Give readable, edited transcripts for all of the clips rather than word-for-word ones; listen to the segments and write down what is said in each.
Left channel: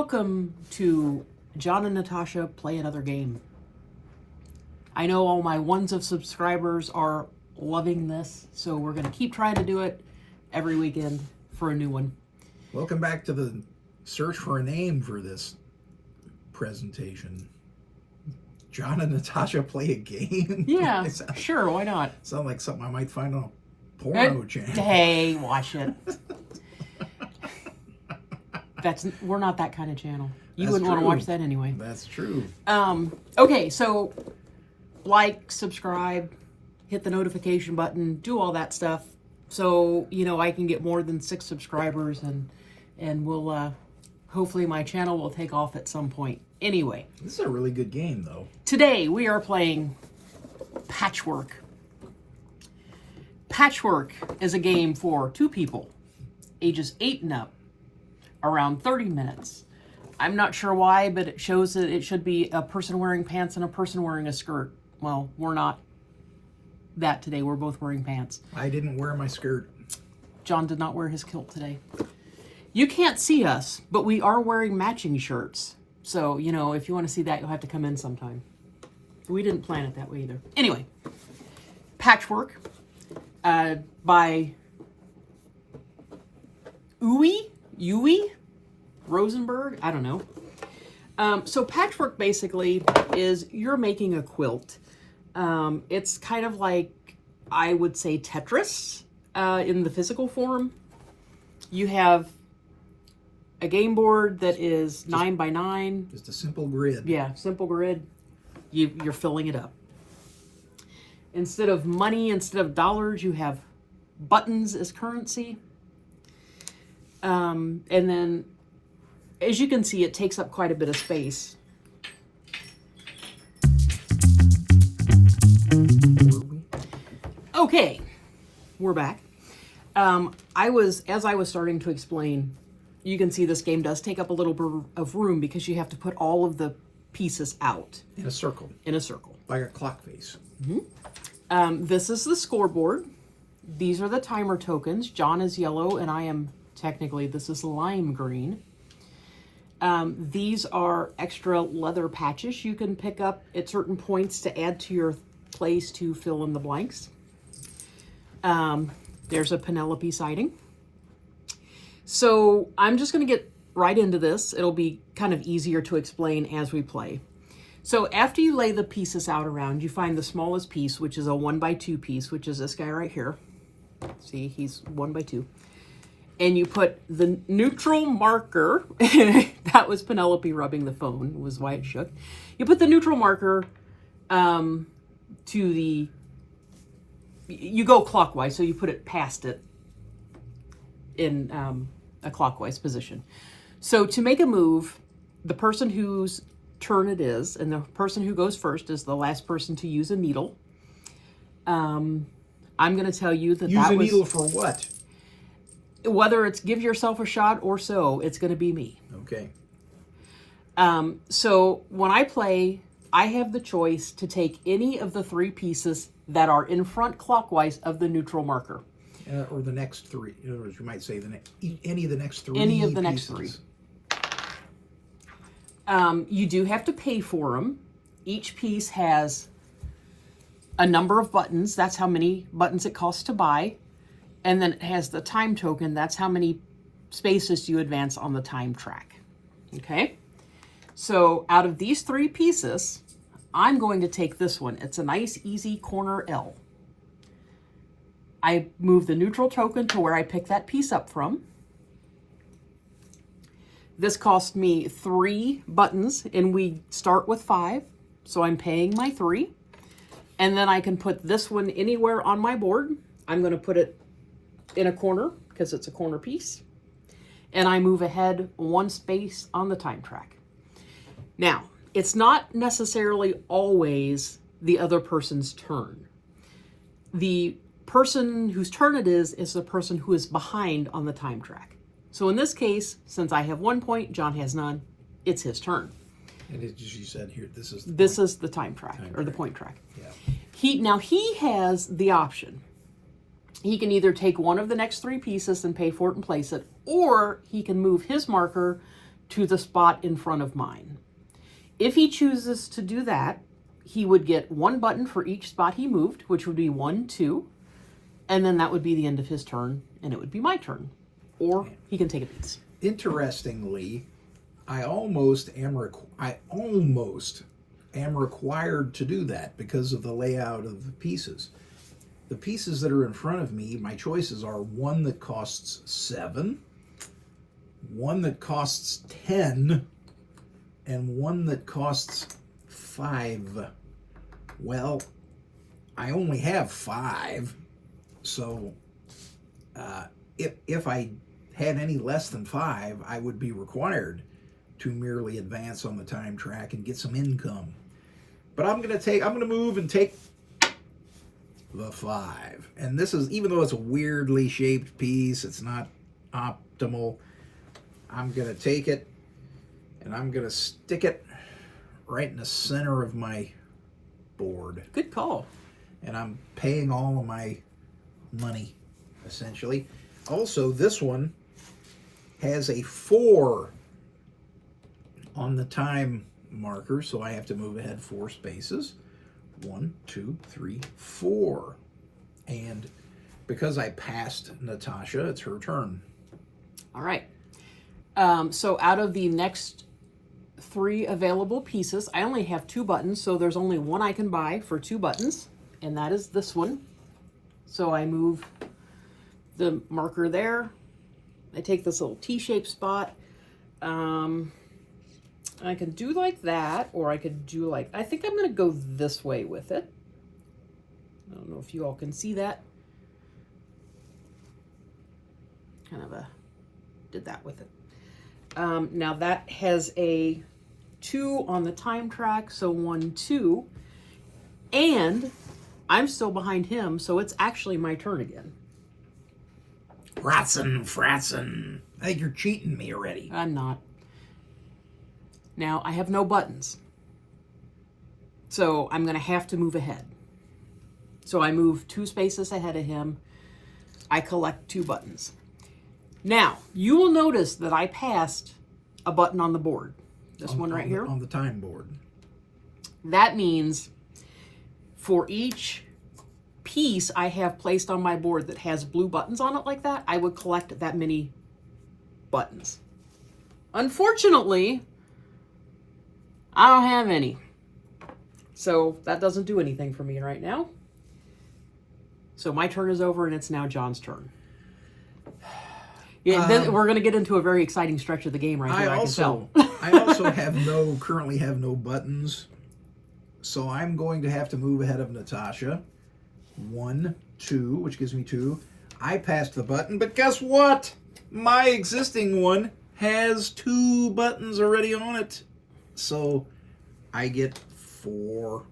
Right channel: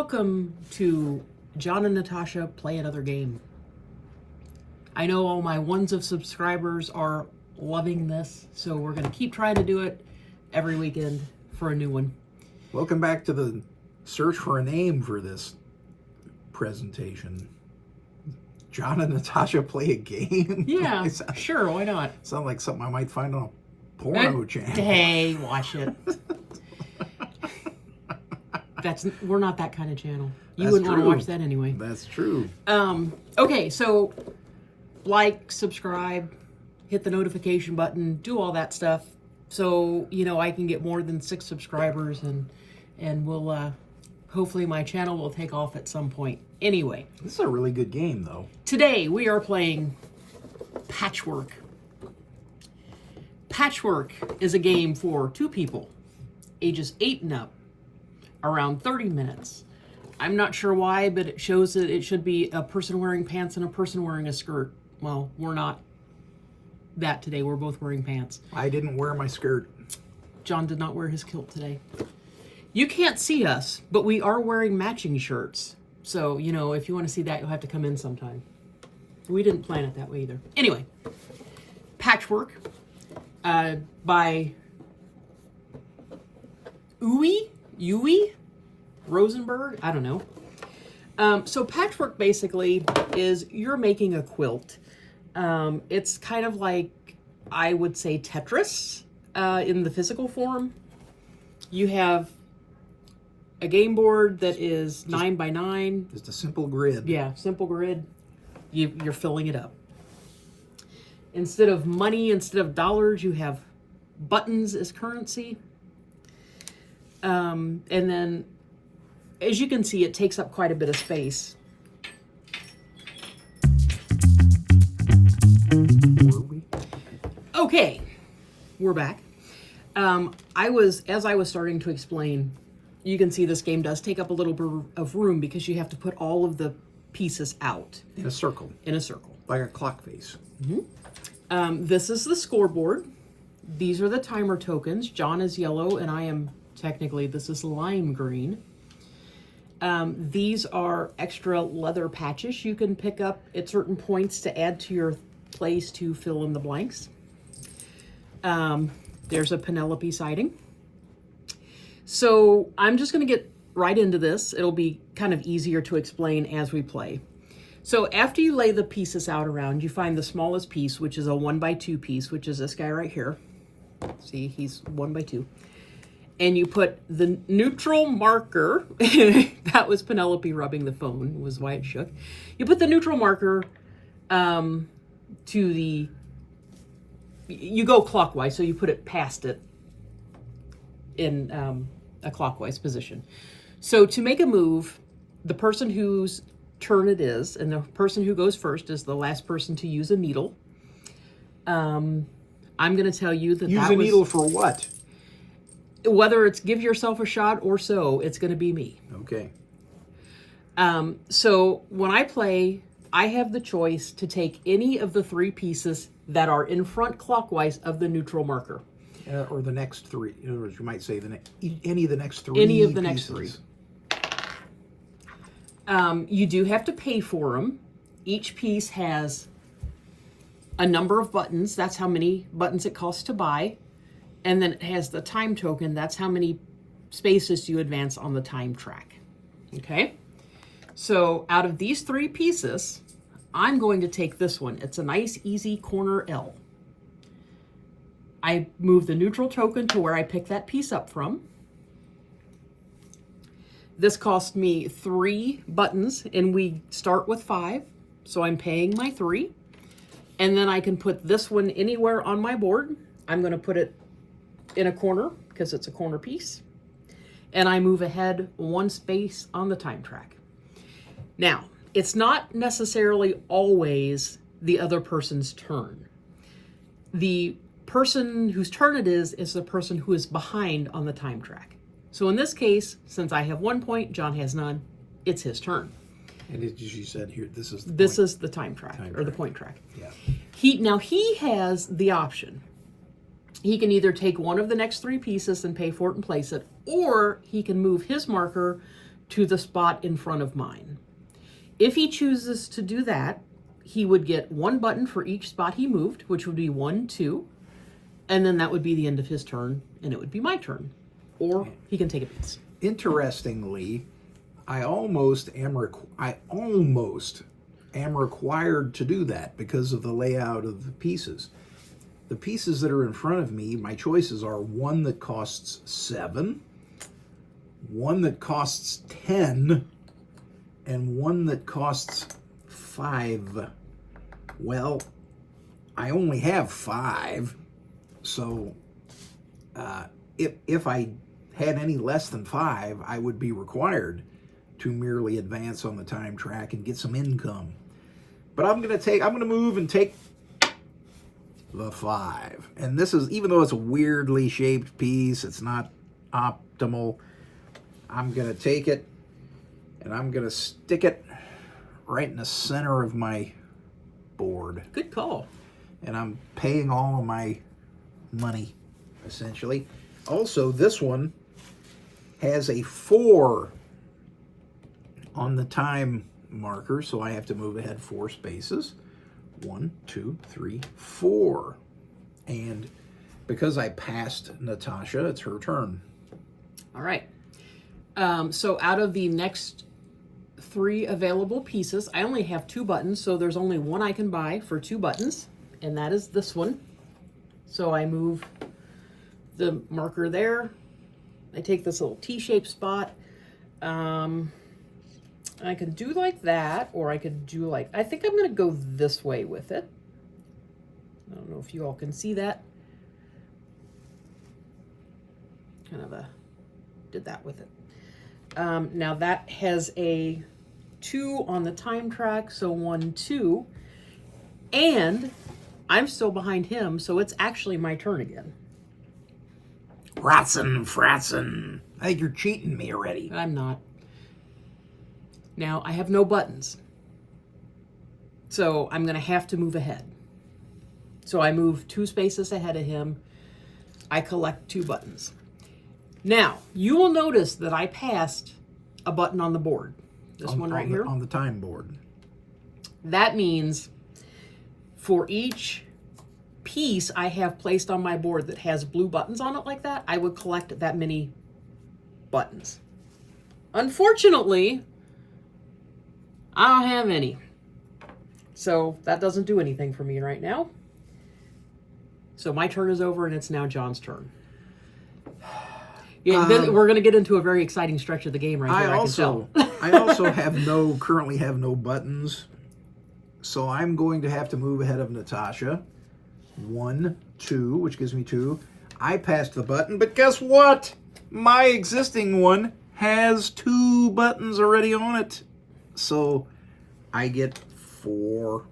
Welcome to John and Natasha Play Another Game. I know all my ones of subscribers are loving this, so we're going to keep trying to do it every weekend for a new one. Welcome back to the search for a name for this presentation. John and Natasha Play a Game? Yeah, sure, why not? Sound like something I might find on a porno channel. Hey, watch it. We're not that kind of channel. You wouldn't want to watch that anyway. That's true. Okay, so like, subscribe, hit the notification button, do all that stuff, so I can get more than 6 subscribers, and we'll hopefully my channel will take off at some point. Anyway, this is a really good game, though. Today we are playing Patchwork. Patchwork is a game for 2 people, ages 8 and up, around 30 minutes. I'm not sure why, but it shows that it should be a person wearing pants and a person wearing a skirt. Well, we're not that today. We're both wearing pants. I didn't wear my skirt. John did not wear his kilt today. You can't see us, but we are wearing matching shirts. So, if you want to see that, you'll have to come in sometime. We didn't plan it that way either. Anyway, Patchwork by Uwe Rosenberg? I don't know. So Patchwork basically is you're making a quilt. It's kind of like, I would say, Tetris in the physical form. You have a game board that is 9 by 9. Just a simple grid. Yeah, simple grid. You're filling it up. Instead of money, instead of dollars, you have buttons as currency. And then, as you can see, it takes up quite a bit of space. Okay, we're back. As I was starting to explain, you can see this game does take up a little bit of room because you have to put all of the pieces out. In a circle. In a circle. Like a clock face. Mm-hmm. This is the scoreboard. These are the timer tokens. John is yellow, and I am, technically, this is lime green. These are extra leather patches you can pick up at certain points to add to your place to fill in the blanks. There's a Penelope sighting. So I'm just going to get right into this. It'll be kind of easier to explain as we play. So after you lay the pieces out around, you find the smallest piece, which is a 1 by 2 piece, which is this guy right here. See, he's 1 by 2. And you put the neutral marker, that was Penelope rubbing the phone, was why it shook. You put the neutral marker you go clockwise, so you put it past it in a clockwise position. So to make a move, the person whose turn it is, and the person who goes first is the last person to use a needle. I'm going to tell you that Use a needle for what? Whether it's give yourself a shot or so, it's going to be me. Okay. So when I play, I have the choice to take any of the 3 pieces that are in front clockwise of the neutral marker. Or the next 3. Or you might say any of the next 3 Any of the pieces. next 3. You do have to pay for them. Each piece has a number of buttons. That's how many buttons it costs to buy. And then it has the time token. That's how many spaces you advance on the time track. Okay? So out of these 3 pieces, I'm going to take this one. It's a nice, easy corner L. I move the neutral token to where I pick that piece up from. This cost me 3 buttons, and we start with 5. So I'm paying my 3. And then I can put this one anywhere on my board. I'm going to put it in a corner because it's a corner piece. And I move ahead 1 space on the time track. Now, it's not necessarily always the other person's turn. The person whose turn it is the person who is behind on the time track. So in this case, since I have 1 point, John has none, it's his turn. And as you said here, this is the time track, or the point track. Yeah. He has the option. He can either take one of the next 3 pieces and pay for it and place it, or he can move his marker to the spot in front of mine. If he chooses to do that, he would get 1 button for each spot he moved, which would be 1, 2, and then that would be the end of his turn, and it would be my turn. Or he can take a piece. Interestingly, I almost am required to do that because of the layout of the pieces. The pieces that are in front of me, my choices are 1 that costs 7, 1 that costs 10, and 1 that costs 5. Well, I only have 5, so if I had any less than 5, I would be required to merely advance on the time track and get some income. But I'm gonna move and take the 5. And this is, even though it's a weirdly shaped piece, it's not optimal, I'm gonna take it and I'm gonna stick it right in the center of my board. Good call. And I'm paying all of my money, essentially. Also, this one has a 4 on the time marker, so I have to move ahead 4 spaces. 1, 2, 3, 4. And because I passed Natasha, it's her turn. All right. So out of the next 3 available pieces, I only have 2 buttons, so there's only 1 I can buy for 2 buttons, and that is this one. So I move the marker there. I take this little T-shaped spot. I could do like that, or I could do like, I think I'm going to go this way with it. I don't know if you all can see that. Kind of did that with it. Now that has a 2 on the time track, so 1, 2. And I'm still behind him, so it's actually my turn again. Fratzen. I think you're cheating me already. I'm not. Now, I have no buttons. So I'm going to have to move ahead. So I move 2 spaces ahead of him. I collect 2 buttons. Now, you will notice that I passed a button on the board. This one right here. On the time board. That means for each piece I have placed on my board that has blue buttons on it like that, I would collect that many buttons. Unfortunately, I don't have any. So that doesn't do anything for me right now. So my turn is over and it's now John's turn. Yeah, then we're going to get into a very exciting stretch of the game right here, I can tell. I also currently have no buttons. So I'm going to have to move ahead of Natasha. 1, 2, which gives me 2. I passed the button, but guess what? My existing one has 2 buttons already on it. So I get 4.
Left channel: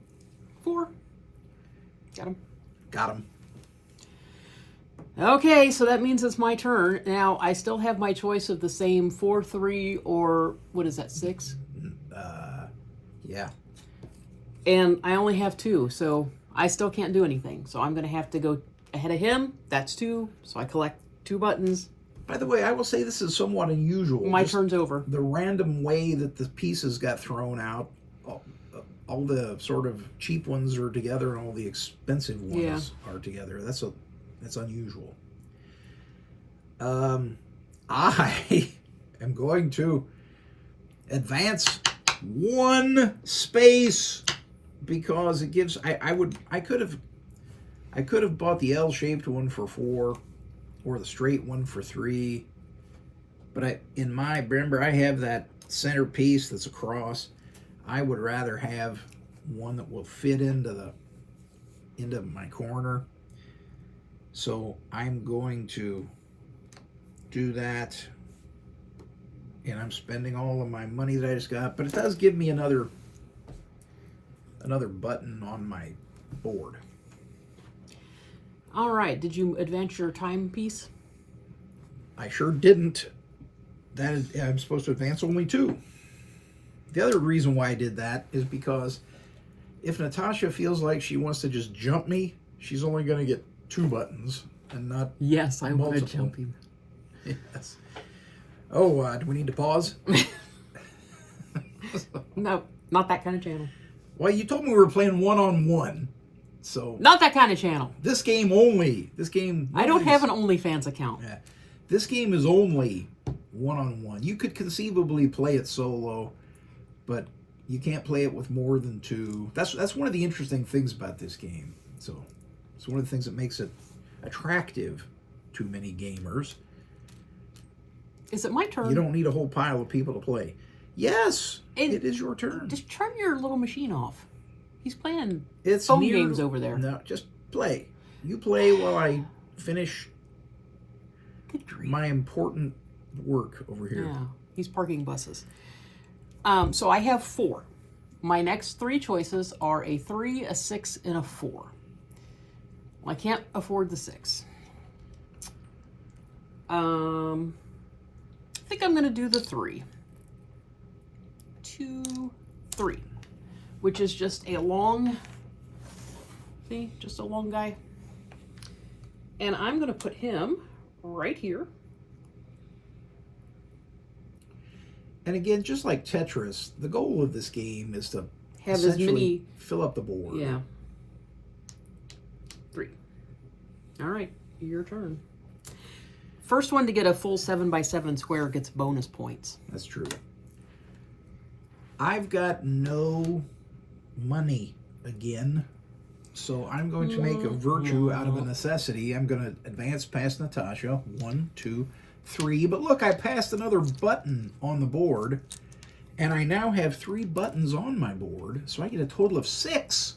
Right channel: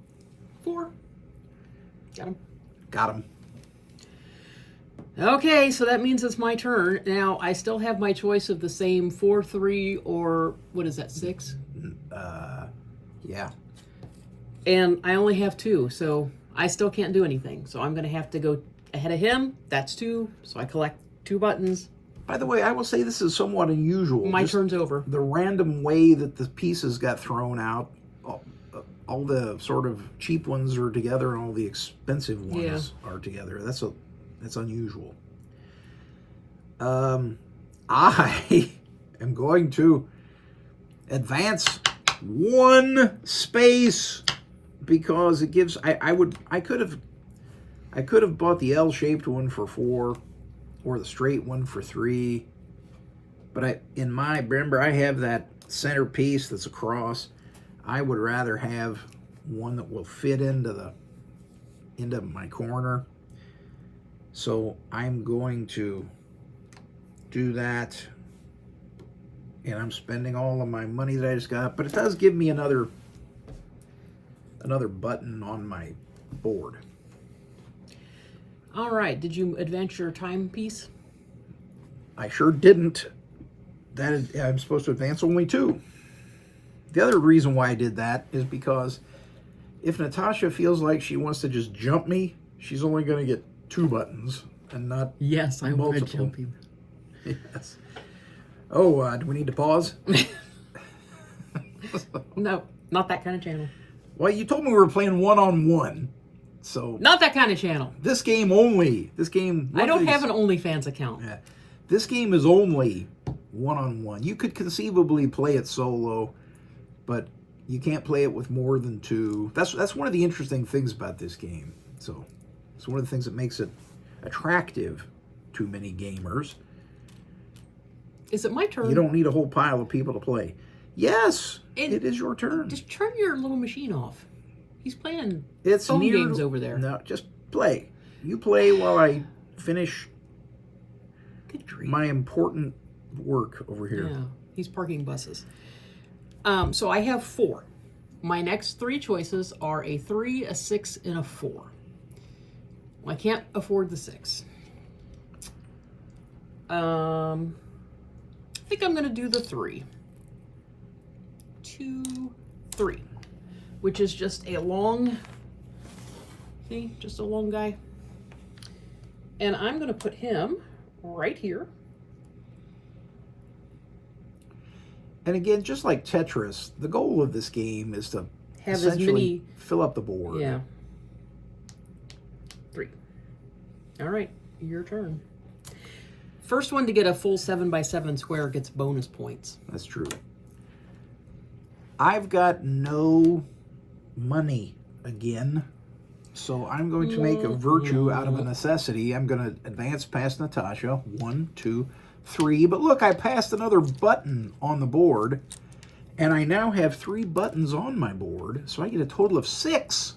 4. Got him. Okay, so that means it's my turn. Now, I still have my choice of the same 4, 3, or what is that, 6? Yeah. And I only have 2, so I still can't do anything. So I'm going to have to go ahead of him. That's 2, so I collect 2 buttons. By the way, I will say this is somewhat unusual. My turn's over. The random way that the pieces got thrown out, all the sort of cheap ones are together and all the expensive ones are together. That's unusual. I am going to advance 1 space because it gives. I could have bought the L-shaped one for 4, or the straight one for 3. But remember I have that center piece that's across. I would rather have one that will fit into my corner. So I'm going to do that. And I'm spending all of my money that I just got, but it does give me another button on my board. All right, did you advance your time piece? I sure didn't. I'm supposed to advance only 2. The other reason why I did that is because if Natasha feels like she wants to just jump me, she's only going to get 2 buttons and not Yes, I want to multiple. jump you. Yes. Oh, do we need to pause? No, not that kind of channel. Well, you told me we were playing one-on-one. So Not that kind of channel. this game only. This game. I don't have an OnlyFans account. Yeah. This game is only one-on-one. You could conceivably play it solo, but you can't play it with more than two. That's one of the interesting things about this game. So it's one of the things that makes it attractive to many gamers. Is it my turn? You don't need a whole pile of people to play. Yes, And it is your turn. Just turn your little machine off. He's playing It's phone near, games over there. No, just play. You play while I finish Good grief. my important work over here. Yeah, he's parking buses. So I have 4. My next 3 choices are a 3, a 6, and a 4. I can't afford the 6. I think I'm going to do the 3. 2, 3. Which is just a long, see, just a long guy. And I'm going to put him right here. And again, just like Tetris, the goal of this game is to Have as essentially many, fill up the board. yeah. 3. All right, your turn. First one to get a full 7x7 square gets bonus points. That's true. I've got no money again, so I'm going to make a virtue out of a necessity. I'm going to advance past Natasha. 1, 2, 3. But look, I passed another button on the board, and I now have 3 buttons on my board, so I get a total of 6.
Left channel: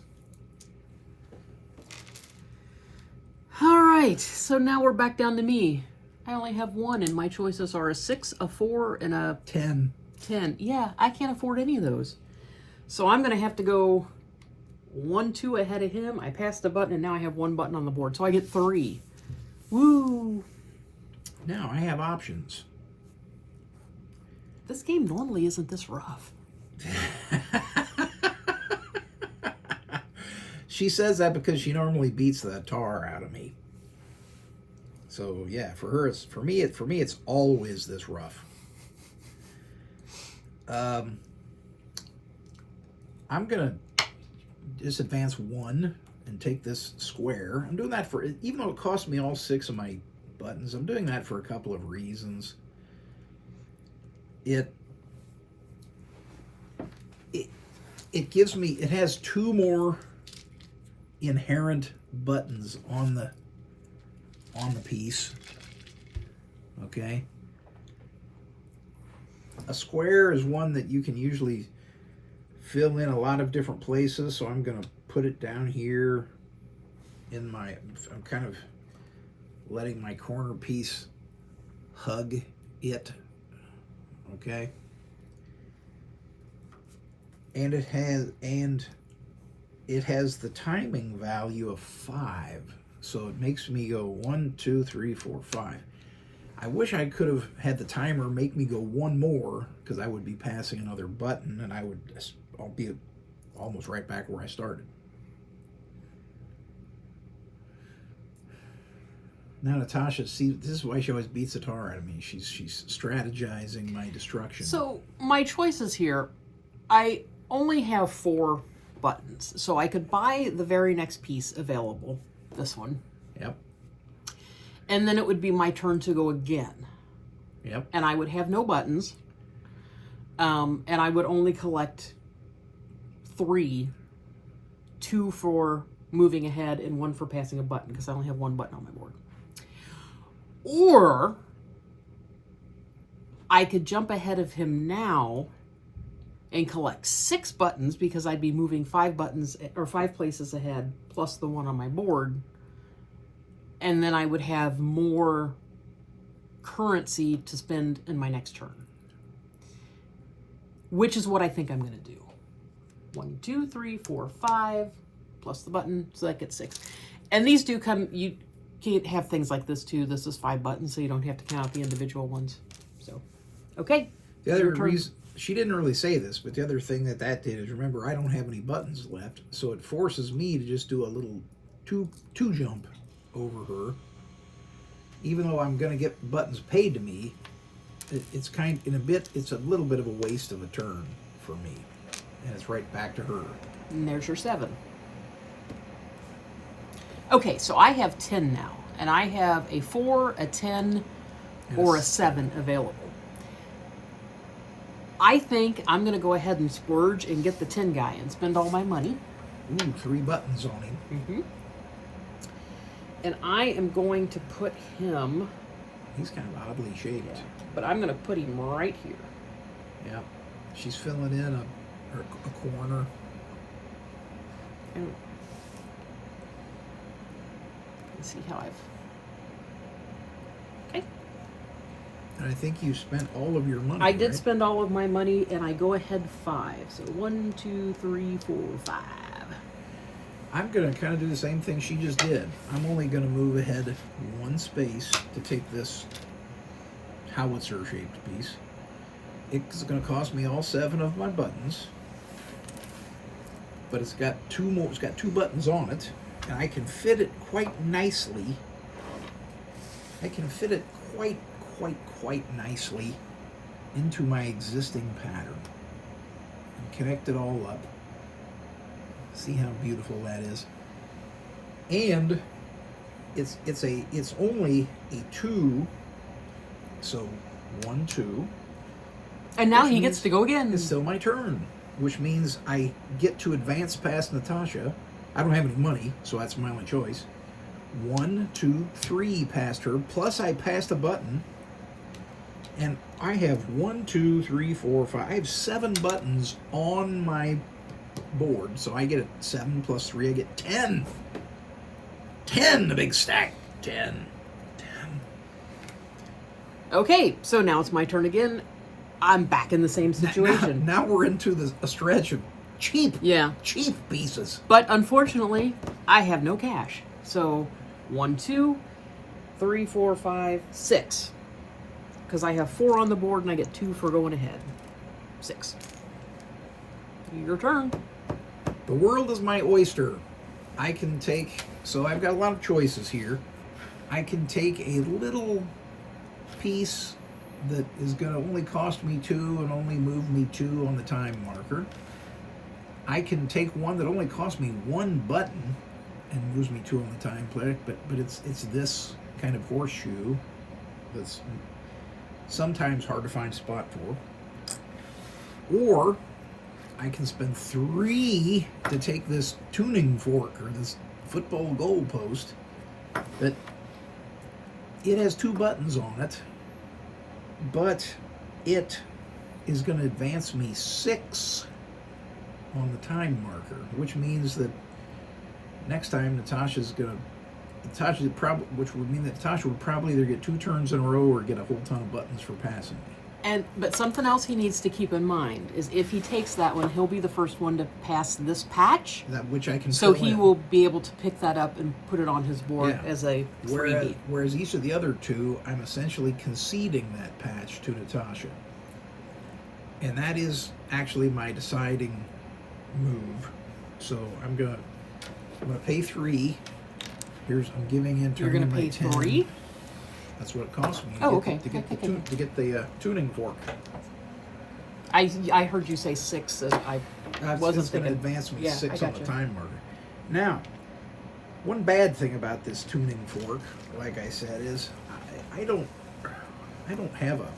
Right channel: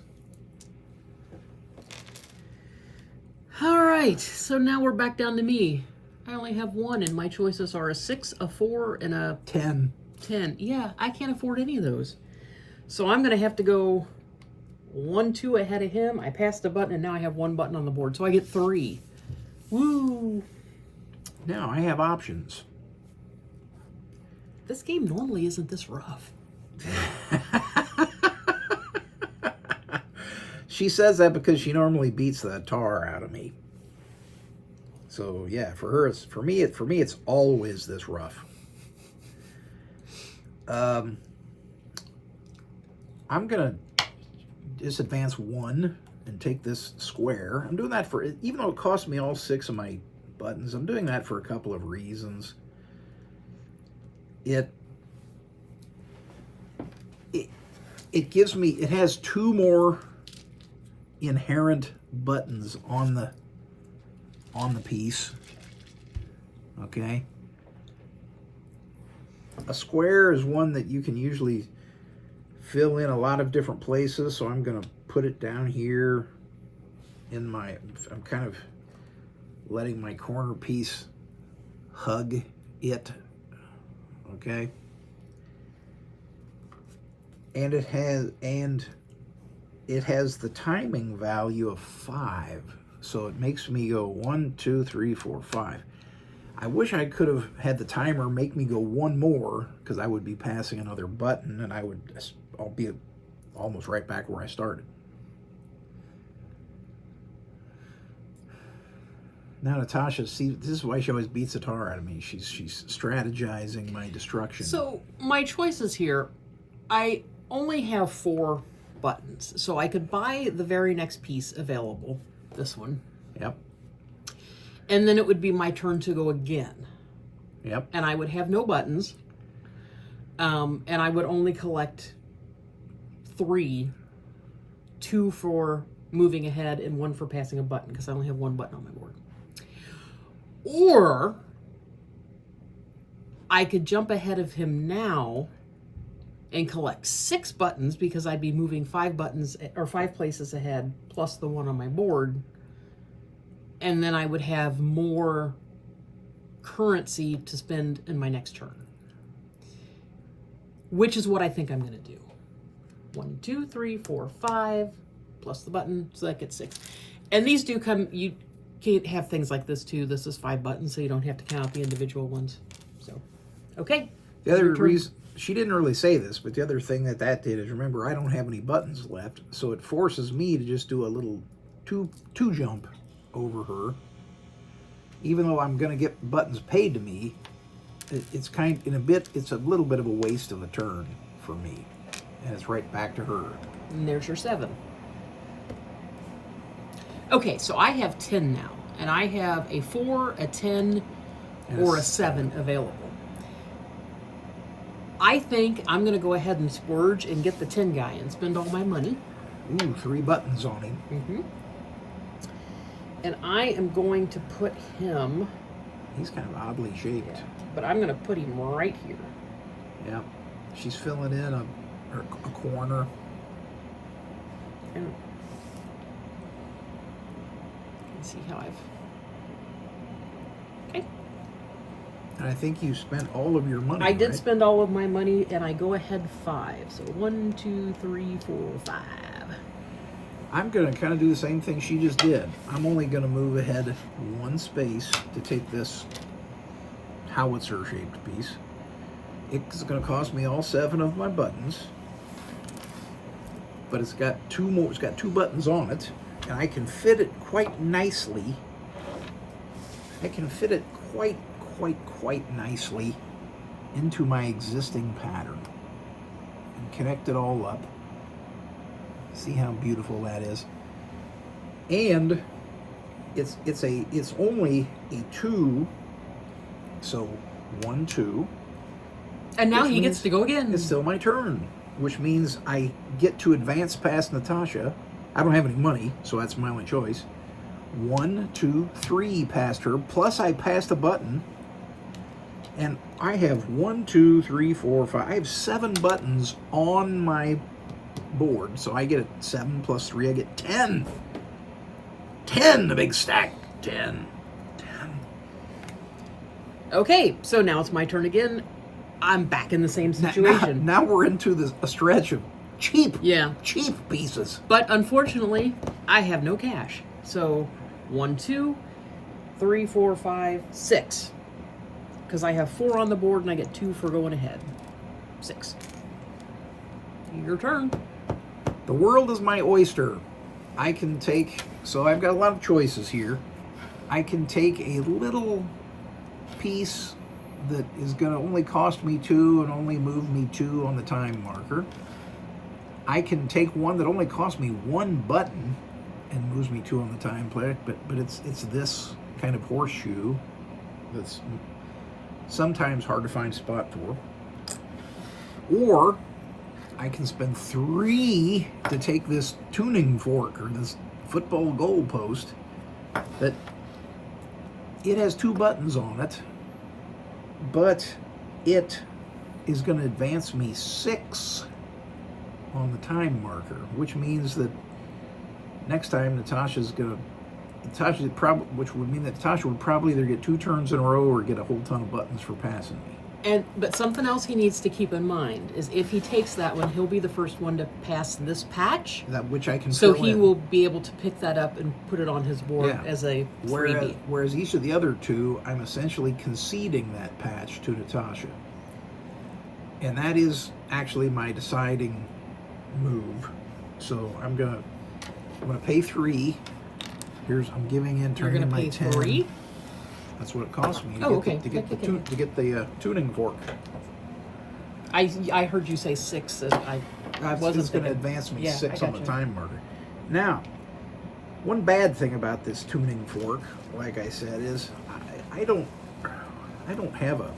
All right, so now we're back down to me. I only have 1, and my choices are a 6, a 4, and a 10. 10. Yeah, I can't afford any of those. So I'm going to have to go 1, 2 ahead of him. I passed a button, and now I have 1 button on the board. So I get 3. Woo! Now I have options. This game normally isn't this rough. She says that because she normally beats the tar out of me. So yeah, for her, for me, it's always this rough. I'm gonna just advance 1 and take this square. I'm doing that for, even though it cost me all 6 of my buttons, I'm doing that for a couple of reasons. It gives me, it has 2 more inherent buttons on the piece. Okay. A square is one that you can usually fill in a lot of different places, so I'm going to put it down here in my, I'm kind of letting my corner piece hug it. Okay. And it has the timing value of 5. So it makes me go 1, 2, 3, 4, 5. I wish I could have had the timer make me go 1 more, because I would be passing another button and I'll be almost right back where I started. Now Natasha, see, this is why she always beats the tar out of me. She's strategizing my destruction. So my choices here, I only have 4 buttons. So I could buy the very next piece available, this one. Yep. And then it would be my turn to go again. Yep. And I would have no buttons. And I would only collect 3. 2 for moving ahead and 1 for passing a button, because I only have 1 button on my board. Or I could jump ahead of him now and collect 6 buttons, because I'd be moving 5 buttons or 5 places ahead plus the 1 on my board. And then I would have more currency to spend in my next turn. Which is what I think I'm going to do. 1, 2, 3, 4, 5, plus the button, so that gets 6. And these do come, you can't have things like this too. This is 5 buttons, so you don't have to count the individual ones. So, okay. The other reason, she didn't really say this, but the other thing that did is, remember, I don't have any buttons left, so it forces me to just do a little two jump over her. Even though I'm going to get buttons paid to me, it's kind, in a bit, it's a little bit of a waste of a turn for me. And it's right back to her. And there's your 7. Okay, so I have 10 now. And I have a 4, a 10, or a 7 available. I think I'm going to go ahead and splurge and get the 10 guy and spend all my money. Ooh, 3 buttons on him. Mm-hmm. And I am going to put him... He's kind of oddly shaped. Yeah, but I'm going to put him right here. Yep. She's filling in a corner. Let's see how I've... Okay. And I think you spent all of your money. I did right? spend all of my money, and I go ahead 5. So 1, 2, 3, 4, 5. I'm going to kind of do the same thing she just did. I'm only going to move ahead 1 space to take this howitzer-shaped piece. It's going to cost me all 7 of my buttons, but it's got 2 more. It's got 2 buttons on it, and I can fit it quite nicely. I can fit it quite nicely into my existing pattern and connect it all up. See how beautiful that is. And it's only a 2, so 1, 2. And now he gets to go again. It's still my turn, which means I get to advance past Natasha. I don't have any money, so that's my only choice. 1, 2, 3 past her, plus I passed a button. And I have 1, 2, 3, 4, 5. I have 7 buttons on my board, so I get a 7 plus 3. I get 10. 10, the big stack. 10. Okay, so now it's my turn again. I'm back in the same situation. Now we're into a stretch of cheap pieces. But unfortunately, I have no cash. So 1, 2, 3, 4, 5, 6. Because I have 4 on the board and I get 2 for going ahead. 6. Your turn. The world is my oyster. I can take, so I've got a lot of choices here. I can take a little piece that is going to only cost me 2 and only move me 2 on the time marker. I can take one that only costs me 1 button and moves me 2 on the time player, but it's this kind of horseshoe that's sometimes hard to find a spot for. Or I can spend 3 to take this tuning fork or this football goal post, but it has 2 buttons on it, but it is going to advance me 6 on the time marker, which means that next time which would mean that Natasha would probably either get 2 turns in a row or get a whole ton of buttons for passing me. But something else he needs to keep in mind is if he takes that one, he'll be the first one to pass this patch. Which I can. So he will be able to pick that up and put it on his board as a freebie. Whereas each of the other 2, I'm essentially conceding that patch to Natasha, and that is actually my deciding move. So I'm gonna pay 3. I'm giving in. You're gonna pay 3. That's what it costs me. To get the tuning fork. I heard you say 6, and I wasn't It's going to thinking. advance me 6 on the time marker. Now, one bad thing about this tuning fork, like I said, is I don't have a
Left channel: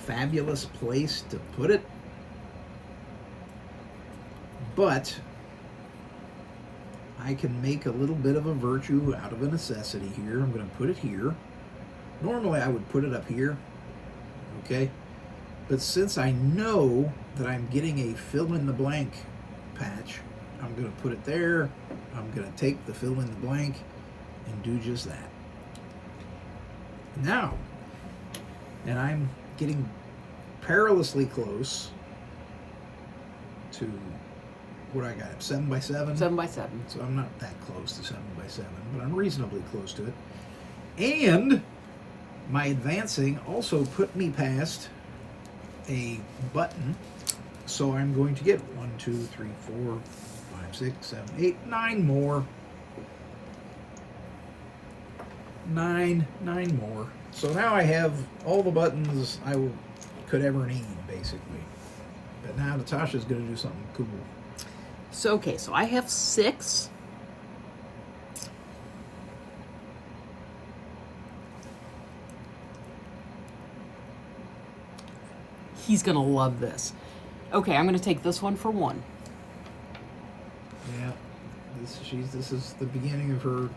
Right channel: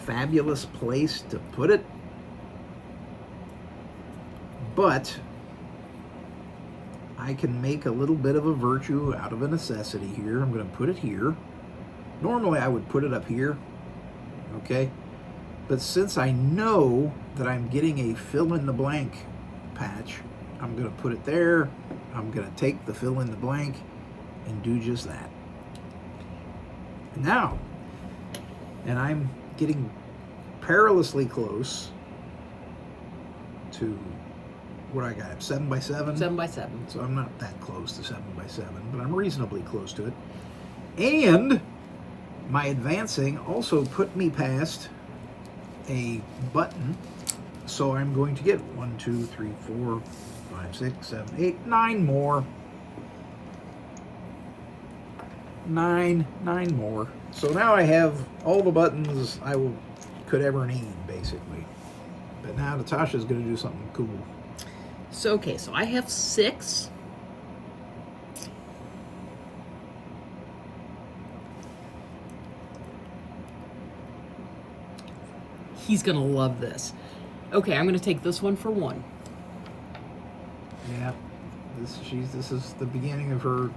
fabulous place to put it, but I can make a little bit of a virtue out of a necessity here. I'm going to put it here. Normally I would put it up here, okay? But since I know that I'm getting a fill-in-the-blank patch, I'm going to put it there. I'm going to take the fill-in-the-blank and do just that. Now, and I'm getting perilously close to what I got, 7 by 7? 7 by 7. So I'm not that close to 7 by 7, but I'm reasonably close to it. And my advancing also put me past a button, so I'm going to get 1, 2, 3, 4, 5, 6, 7, 8, 9 more. 9 more. So now I have all the buttons I will could ever need, basically. But now Natasha's going to do something cool. So, okay, so I have 6. He's going to love this. Okay, I'm going to take this one for 1. Yeah. This is the beginning of her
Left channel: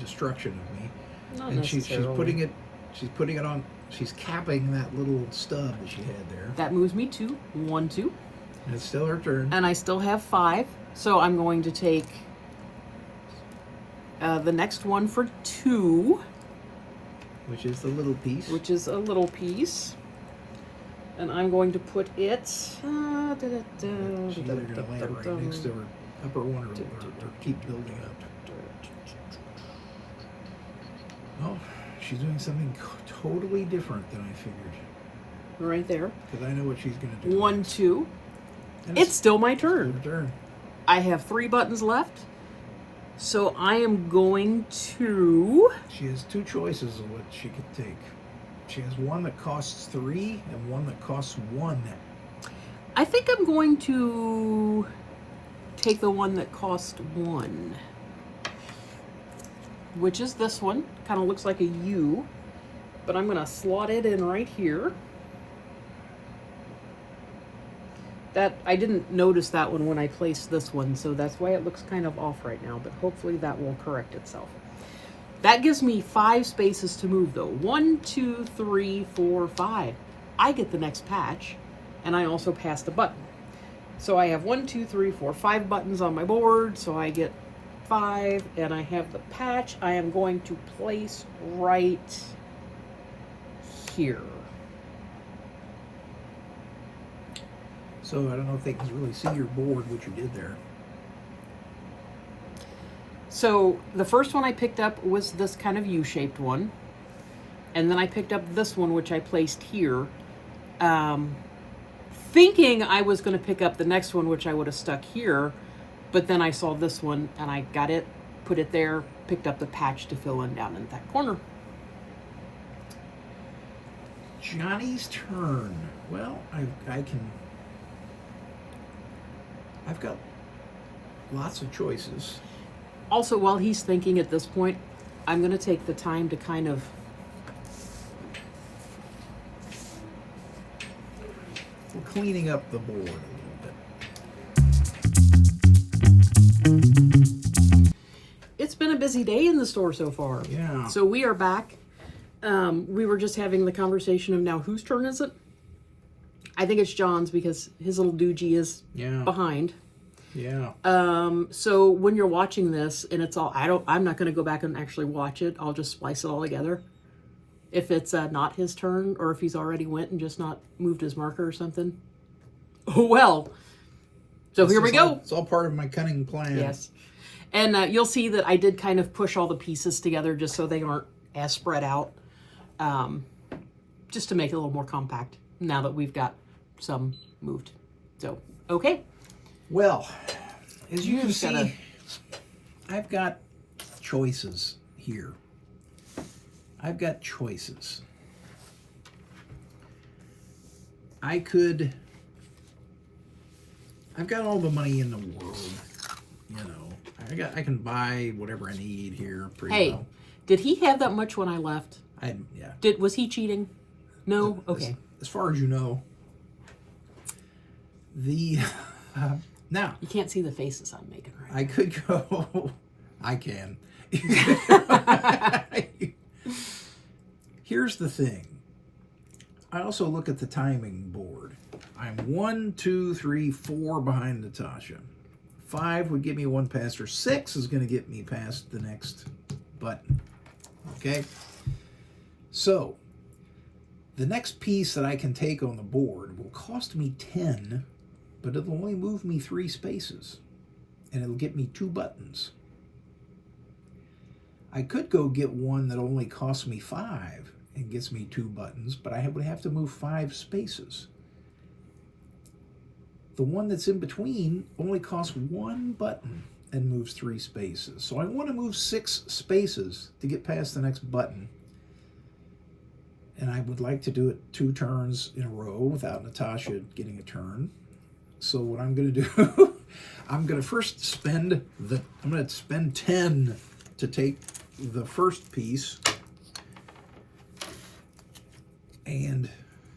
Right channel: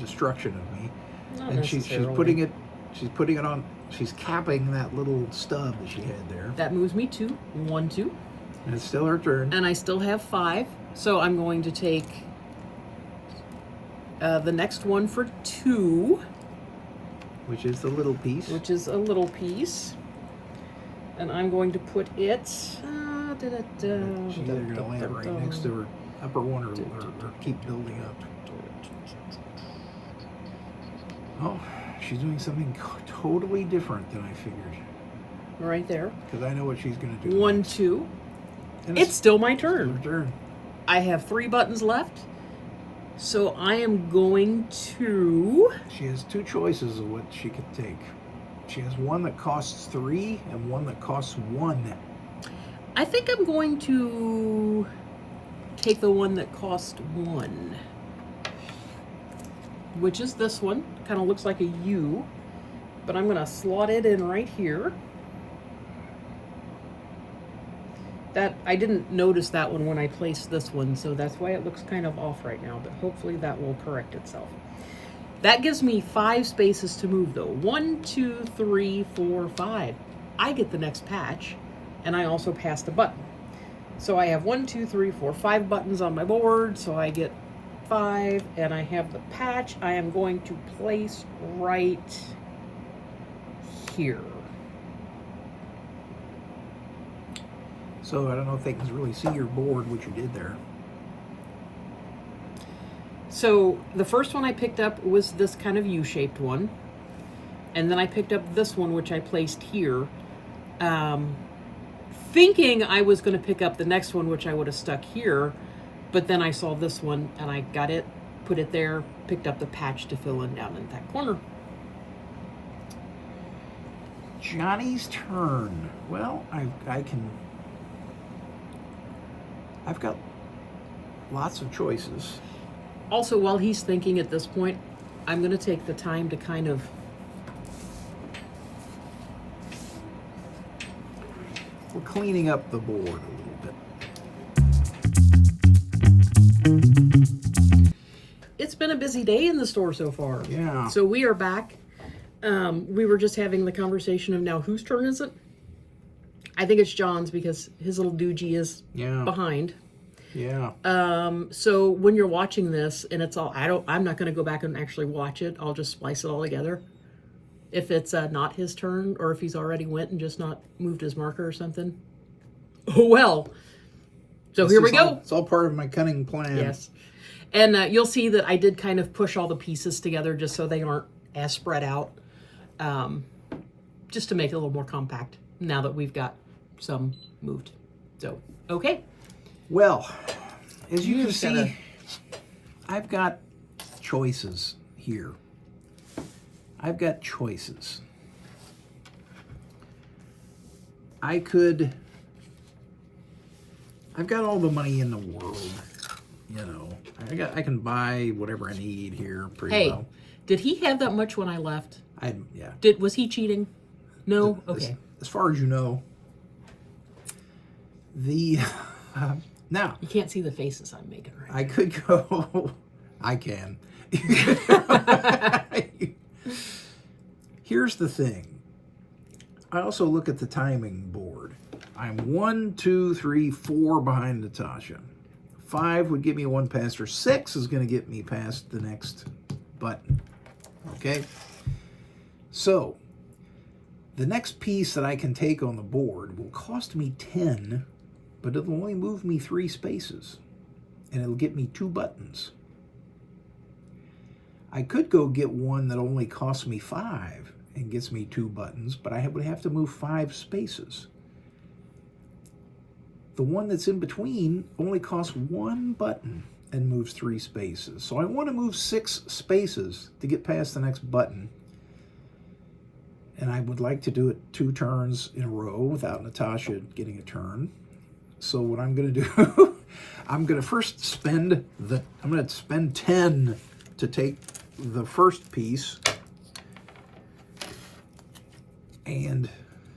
destruction of me. Not And she's necessarily. putting it on, she's capping that little stub that she had there. That moves me 2. 1, 2. And it's still her turn. And I still have 5. So I'm going to take the next one for 2. Which is the little piece. Which is a little piece. And I'm going to put it... She's either going to land right next to her upper one or keep building up. Oh, she's doing something totally different than I figured. Right there. Because I know what she's going to do. 1, 2. And It's still my turn. her turn. I have 3 buttons left. So I am going to... She has 2 choices of what she could take. She has one that costs 3 and one that costs 1. I think I'm going to take the one that cost 1. Which is this one. Kind of looks like a U. But I'm going to slot it in right here. That I didn't notice that one when I placed this one, so that's why it looks kind of off right now, but hopefully that will correct itself. That gives me 5 spaces to move though. 1, 2, 3, 4, 5. I get the next patch, and I also passed a button. So I have 1, 2, 3, 4, 5 buttons on my board, so I get 5, and I have the patch I am going to place right here. So I don't know if they can really see your board, what you did there. So the first one I picked up was this kind of U-shaped one. And then I picked up this one, which I placed here. Thinking I was going to pick up the next one, which I would have stuck here. But then I saw this one and I got it, put it there, picked up the patch to fill in down in that corner. Johnny's turn. Well, I've got lots of choices. Also, while he's thinking at this point, I'm going to take the time to kind of... We're cleaning up the board a little bit. It's been a busy day in the store so far. Yeah. So we are back. We were just having the conversation of now whose turn is it? I think it's John's because his little doogie is behind. Yeah. So when you're watching this and it's all, I'm not going to go back and actually watch it. I'll just splice it all together. If it's not his turn or if he's already went and just not moved his marker or something. Oh, well. So here we go. It's all part of my cunning plan. Yes. And you'll see that I did kind of push all the pieces together just so they aren't as spread out. Just to make it a little more compact now that we've got some moved. So, okay. Well, as you can see, I've got choices here. I've got choices. I've got all the money in the world, you know. I can buy whatever I need here pretty well. Did he have that much when I left? Yeah. Was he cheating? No? Okay. As far as you know. Now. You can't see the faces I'm making right now. I could go. I can. Here's the thing. I also look at the timing board. I'm 1, 2, 3, 4 behind Natasha. 5 would get me one past her. 6 is going to get me past the next button. Okay? So, the next piece that I can take on the board will cost me 10, but it'll only move me 3 spaces. And it'll get me 2 buttons. I could go get one that only costs me 5 and gets me 2 buttons, but I would have to move 5 spaces. The one that's in between only costs 1 button and moves 3 spaces. So I want to move 6 spaces to get past the next button. And I would like to do it 2 turns in a row without Natasha getting a turn. So what I'm going to do, I'm going to first spend 10 to take the first piece. And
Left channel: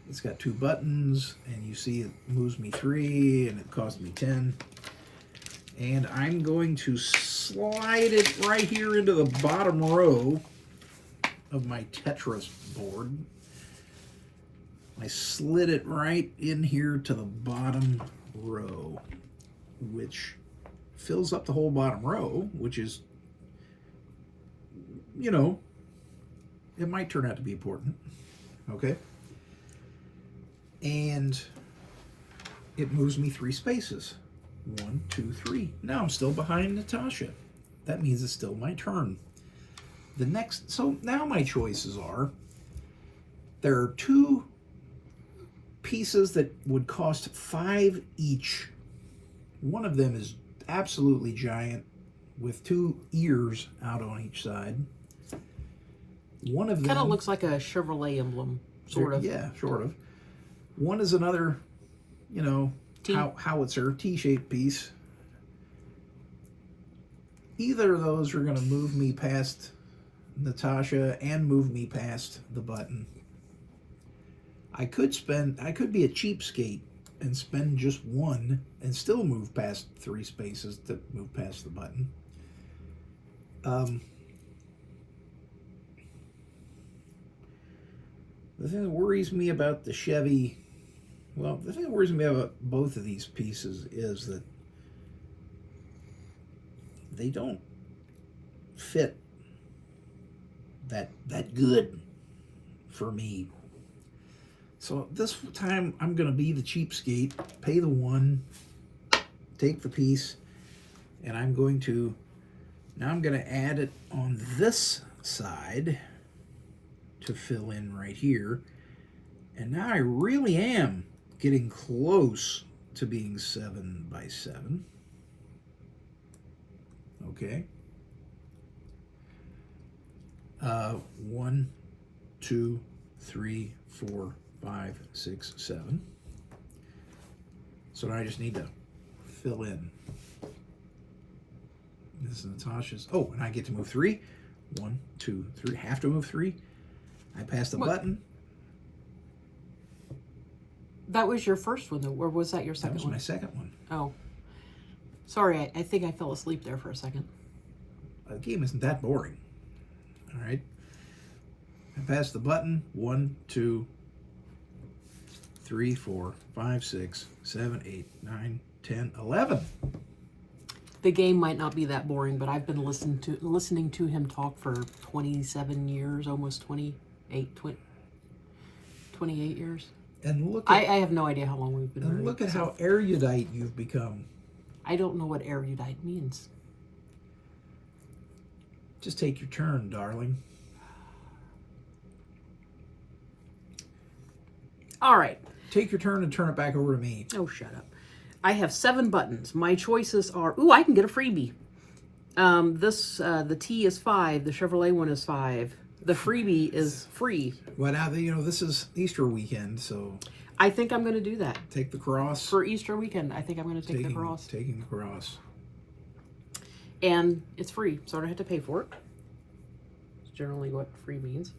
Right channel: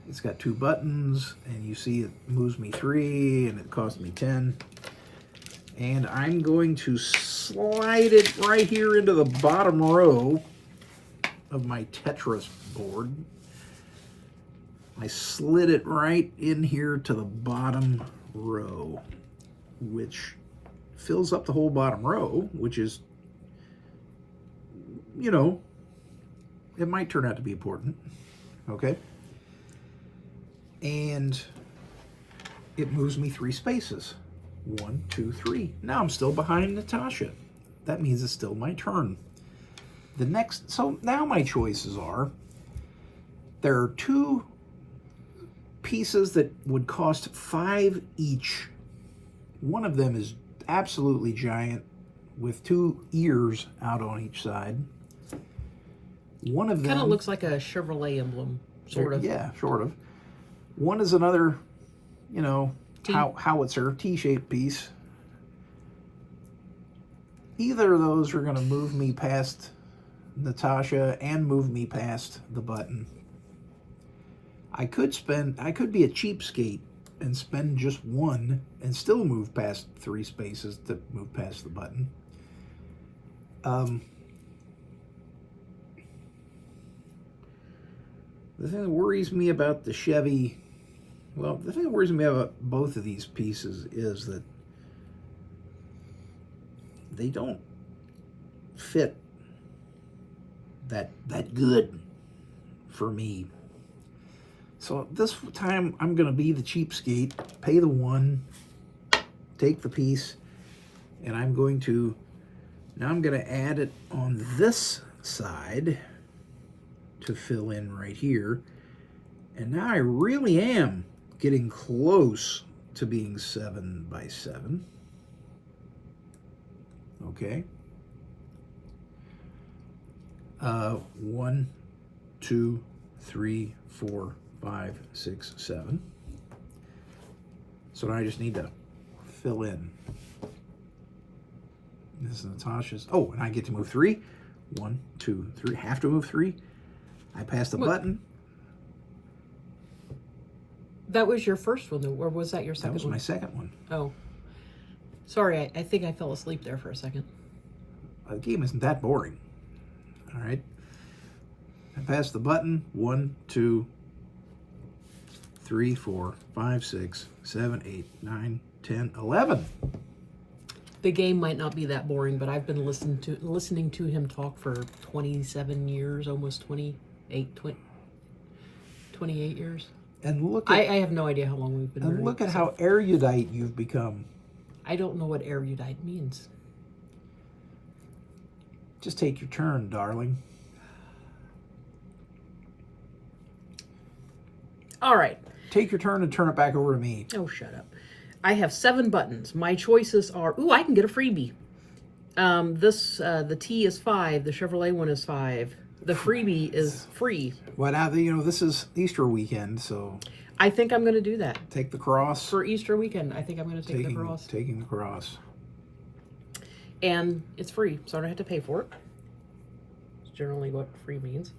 it's got 2 buttons, and you see it moves me 3, and it cost me 10. And I'm going to slide it right here into the bottom row of my Tetris board. I slid it right in here to the bottom row, which fills up the whole bottom row, which is, you know, it might turn out to be important. Okay? And it moves me 3 spaces. 1, 2, 3. Now I'm still behind Natasha. That means it's still my turn. So now my choices are, there are 2 pieces that would cost 5 each. One of them is absolutely giant with 2 ears out on each side. One of them kind of looks like a Chevrolet emblem, sort of. Yeah, sort of. One is another, you know, howitzer, T-shaped piece. Either of those are going to move me past Natasha and move me past the button. I could be a cheapskate and spend just 1 and still move past 3 spaces to move past the button. The thing that worries me about the Chevy, the thing that worries me about both of these pieces is that they don't fit that good for me. So this time I'm going to be the cheapskate, pay the 1, take the piece, and I'm going to add it on this side to fill in right here. And now I really am getting close to being 7 by 7. Okay. 1, 2, 3, 4, 5, 6, 7. So now I just need to fill in. This is Natasha's. Oh, and I get to move 3. 1, 2, 3. Have to move 3. I pass the button. That was your first one, or was that your second one? That was my second one. Oh. Sorry, I think I fell asleep there for a second. The game isn't that boring. All right. I pass the button. 1, 2, 3, 4, 5, 6, 7, 8, 9, 10, 11. The game might not be that boring, but I've been listening to him talk for 27 years, almost 28 years. And look at, I have no idea how long we've been and look at how erudite you've become. I don't know what erudite means. Just take your turn, darling. All right. Take your turn and turn it back over to me. Oh, shut up. I have 7 buttons. My choices are, I can get a freebie. The T is 5. The Chevrolet one is 5. The freebie is free. Well, now, this is Easter weekend, so... I think I'm going to do that. Take the cross. For Easter weekend, I think I'm going to take the cross. Taking the cross. And it's free, so I don't have to pay for it. It's generally what free means.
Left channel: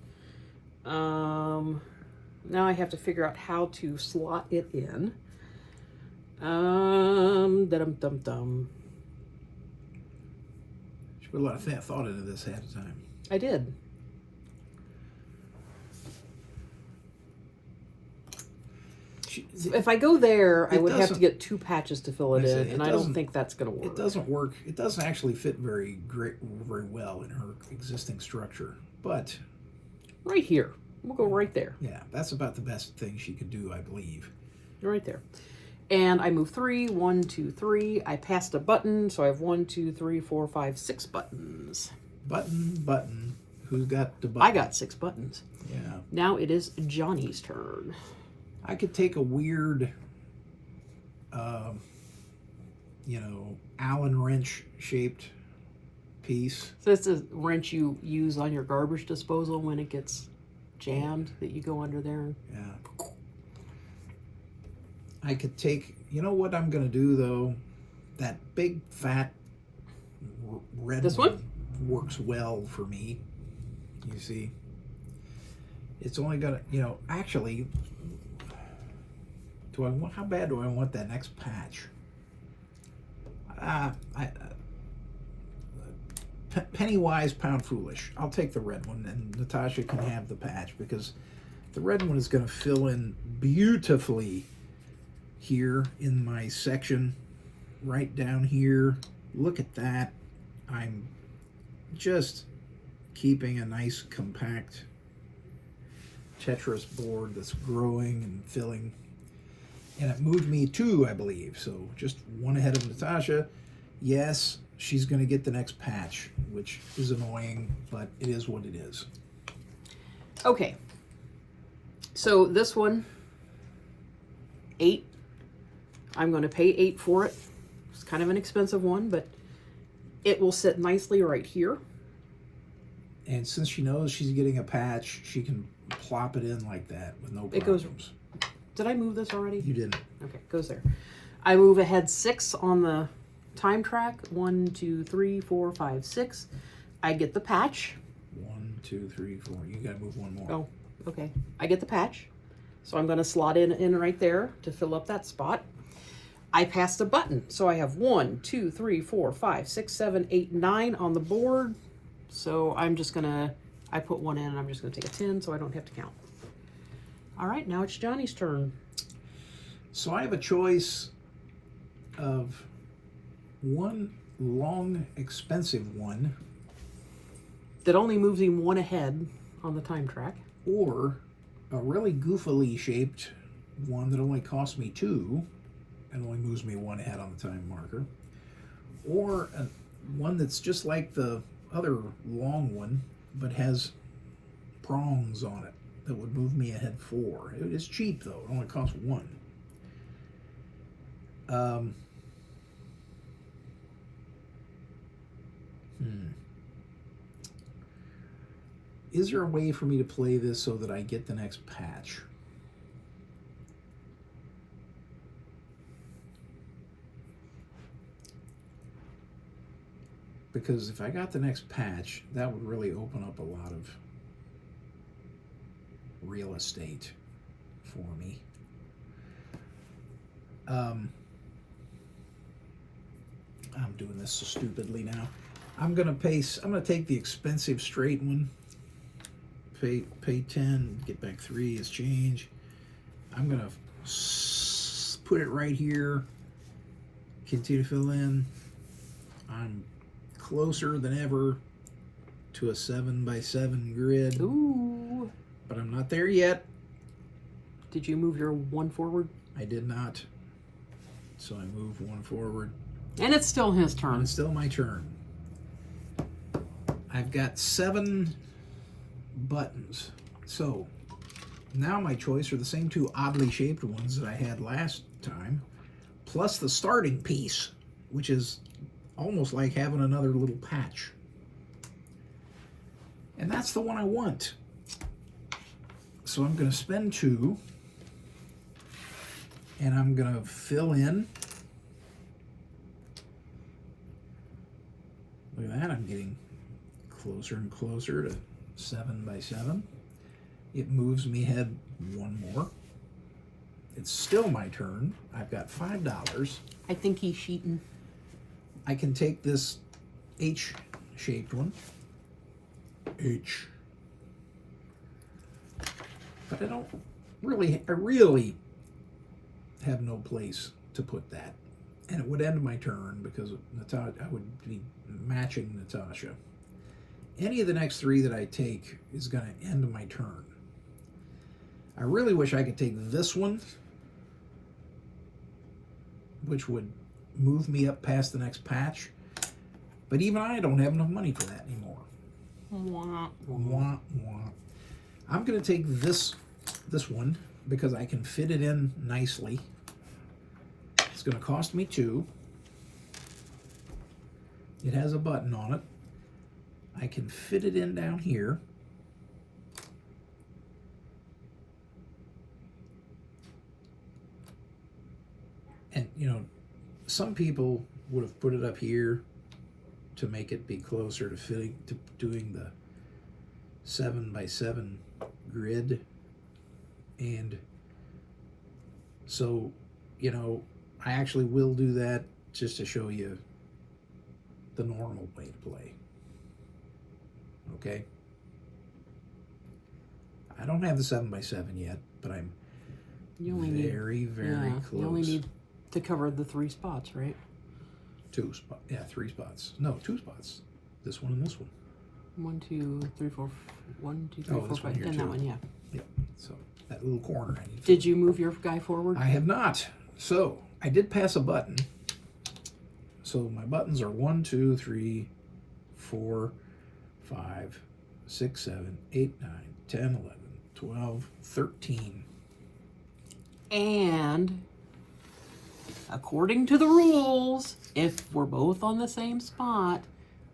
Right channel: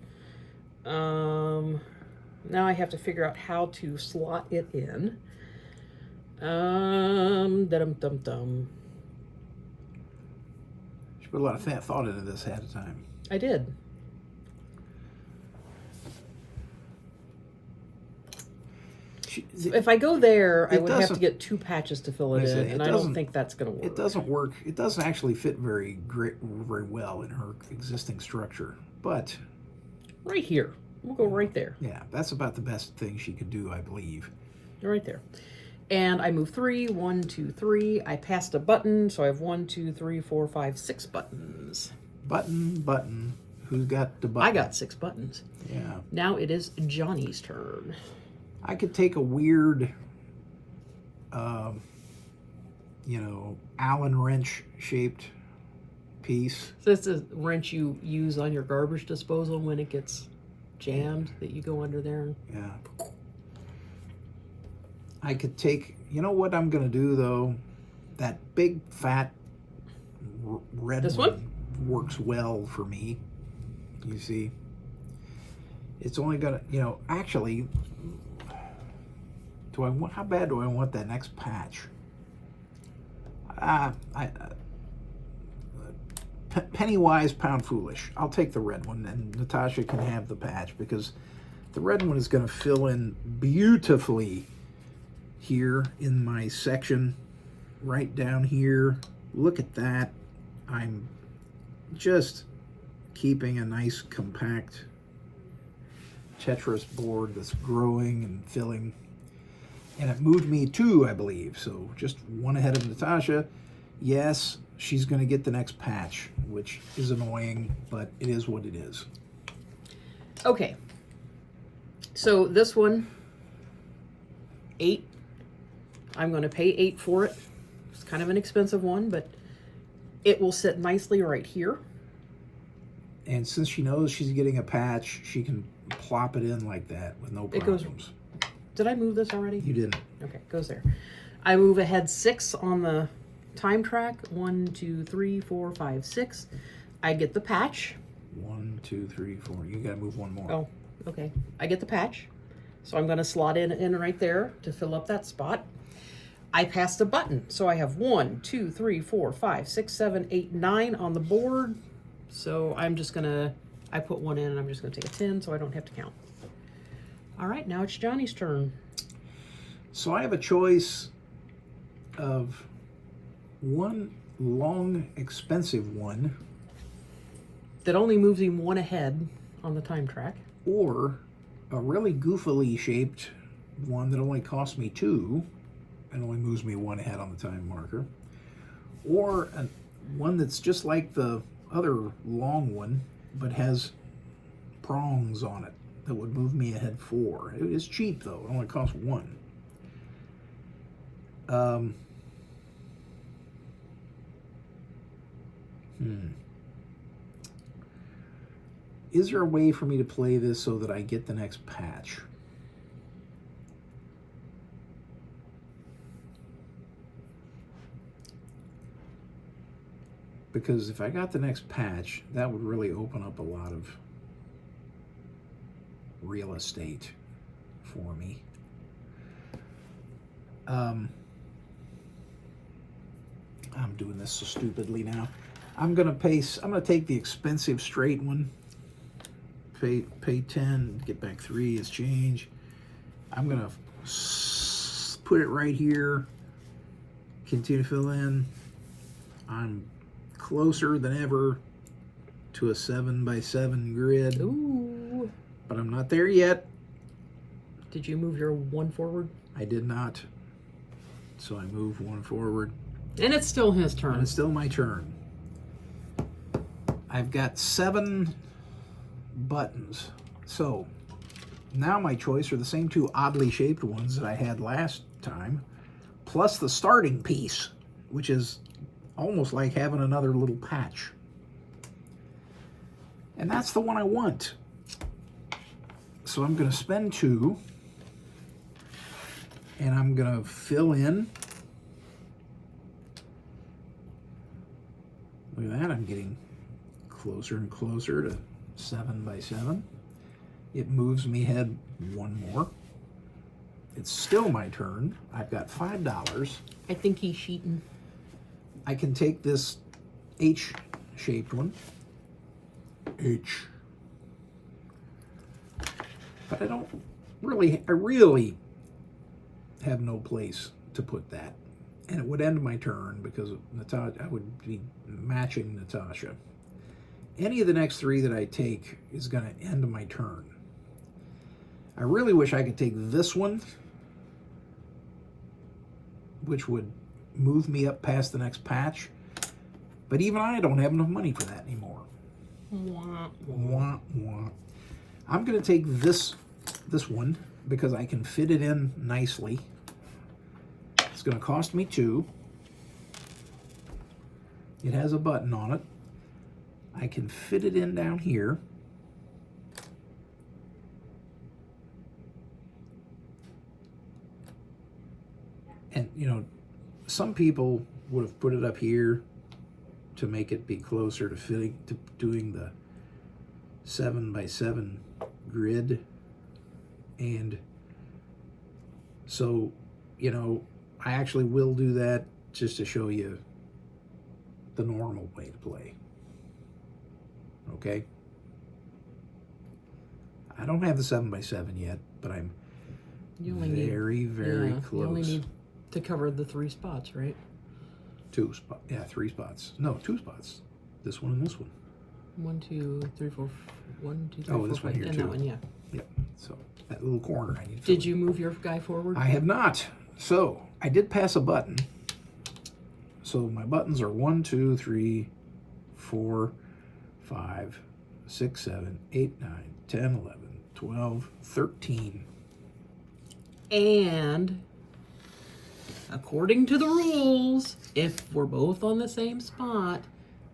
Now I have to figure out how to slot it in. Dum-dum-dum-dum. You put a lot of thought into this ahead of time. I did. If I go there, I would have to get 2 patches to fill it in, and I don't think that's going to work. It doesn't work. It doesn't actually fit very well in her existing structure. But right here, we'll go right there. Yeah, that's about the best thing she could do, I believe. Right there. And I move 3, 1, 2, 3. I passed a button, so I have 1, 2, 3, 4, 5, 6 buttons. Button. Who's got the button? I got 6 buttons. Yeah. Now it is Johnny's turn. I could take a weird, Allen wrench shaped piece. So this is a wrench you use on your garbage disposal when it gets jammed that you go under there. Yeah. I could take, you know what I'm going to do though? That big fat red This one works well for me. You see? It's only going to, you know, actually, how bad do I want that next patch? Penny wise, pound foolish. I'll take the red one, and Natasha can have the patch because the red one is going to fill in beautifully here in my section, right down here. Look at that. I'm just keeping a nice compact Tetris board that's growing and filling. And it moved me 2, I believe. So just 1 ahead of Natasha. Yes, she's going to get the next patch, which is annoying, but it is what it is. Okay. So this one, 8. I'm going to pay 8 for it. It's kind of an expensive one, but it will sit nicely right here. And since she knows she's getting a patch, she can plop it in like that with no problems. Did I move this already? You didn't. Okay, it goes there. I move ahead 6 on the time track. 1, 2, 3, 4, 5, 6. I get the patch. 1, 2, 3, 4. You got to move 1 more. Oh, okay. I get the patch. So I'm going to slot in right there to fill up that spot. I passed a button. So I have 1, 2, 3, 4, 5, 6, 7, 8, 9 on the board. So I'm just going to, I put 1 in and I'm just going to take a 10 so I don't have to count. All right, now it's Johnny's turn. So I have a choice of one long, expensive one that only moves him 1 ahead on the time track, or a really goofily shaped one that only costs me 2 and only moves me 1 ahead on the time marker, or one that's just like the other long one but has prongs on it that would move me ahead 4. It is cheap though, it only costs 1. Is there a way for me to play this so that I get the next patch? Because if I got the next patch, that would really open up a lot of real estate for me. I'm doing this so stupidly now. I'm gonna take the expensive straight one. Pay 10, get back 3 is change. I'm gonna put it right here. Continue to fill in. I'm closer than ever to a 7x7 grid. Ooh. But I'm not there yet. Did you move your 1 forward? I did not. So I move 1 forward. And it's still his turn. And it's still my turn. I've got 7 buttons. So now my choice are the same 2 oddly shaped ones that I had last time, plus the starting piece, which is almost like having another little patch. And that's the one I want. So I'm going to spend 2, and I'm going to fill in. Look at that, I'm getting closer and closer to 7x7. It moves me ahead 1 more. It's still my turn. I've got $5. I think he's cheating. I can take this H-shaped one. H. But I really have no place to put that. And it would end my turn because I would be matching Natasha. Any of the next 3 that I take is going to end my turn. I really wish I could take this one, which would move me up past the next patch. But even I don't have enough money for that anymore. Wah, Wah, wah. I'm going to take this one because I can fit it in nicely. It's going to cost me 2. It has a button on it. I can fit it in down here. some people would have put it up here to make it be closer to fitting to doing the 7x7 grid. And so, you know, I actually will do that just to show you the normal way to play. Okay? I don't have the 7x7 yet, but I'm very close. You only need to cover the 3 spots, right? 2 spots. Yeah, 3 spots. No, 2 spots. This one and this one. 1, 2, 3, 4. 1, 2, 3, Oh, 4, this one 5. here And too. that one, yeah. Yep. So that little corner I need to Did you move your guy forward? I have not. So I did pass a button. So my buttons are 1, 2, 3, 4, 5, 6, 7, 8, 9, 10, 11, 12, 13. And according to the rules, if we're both on the same spot,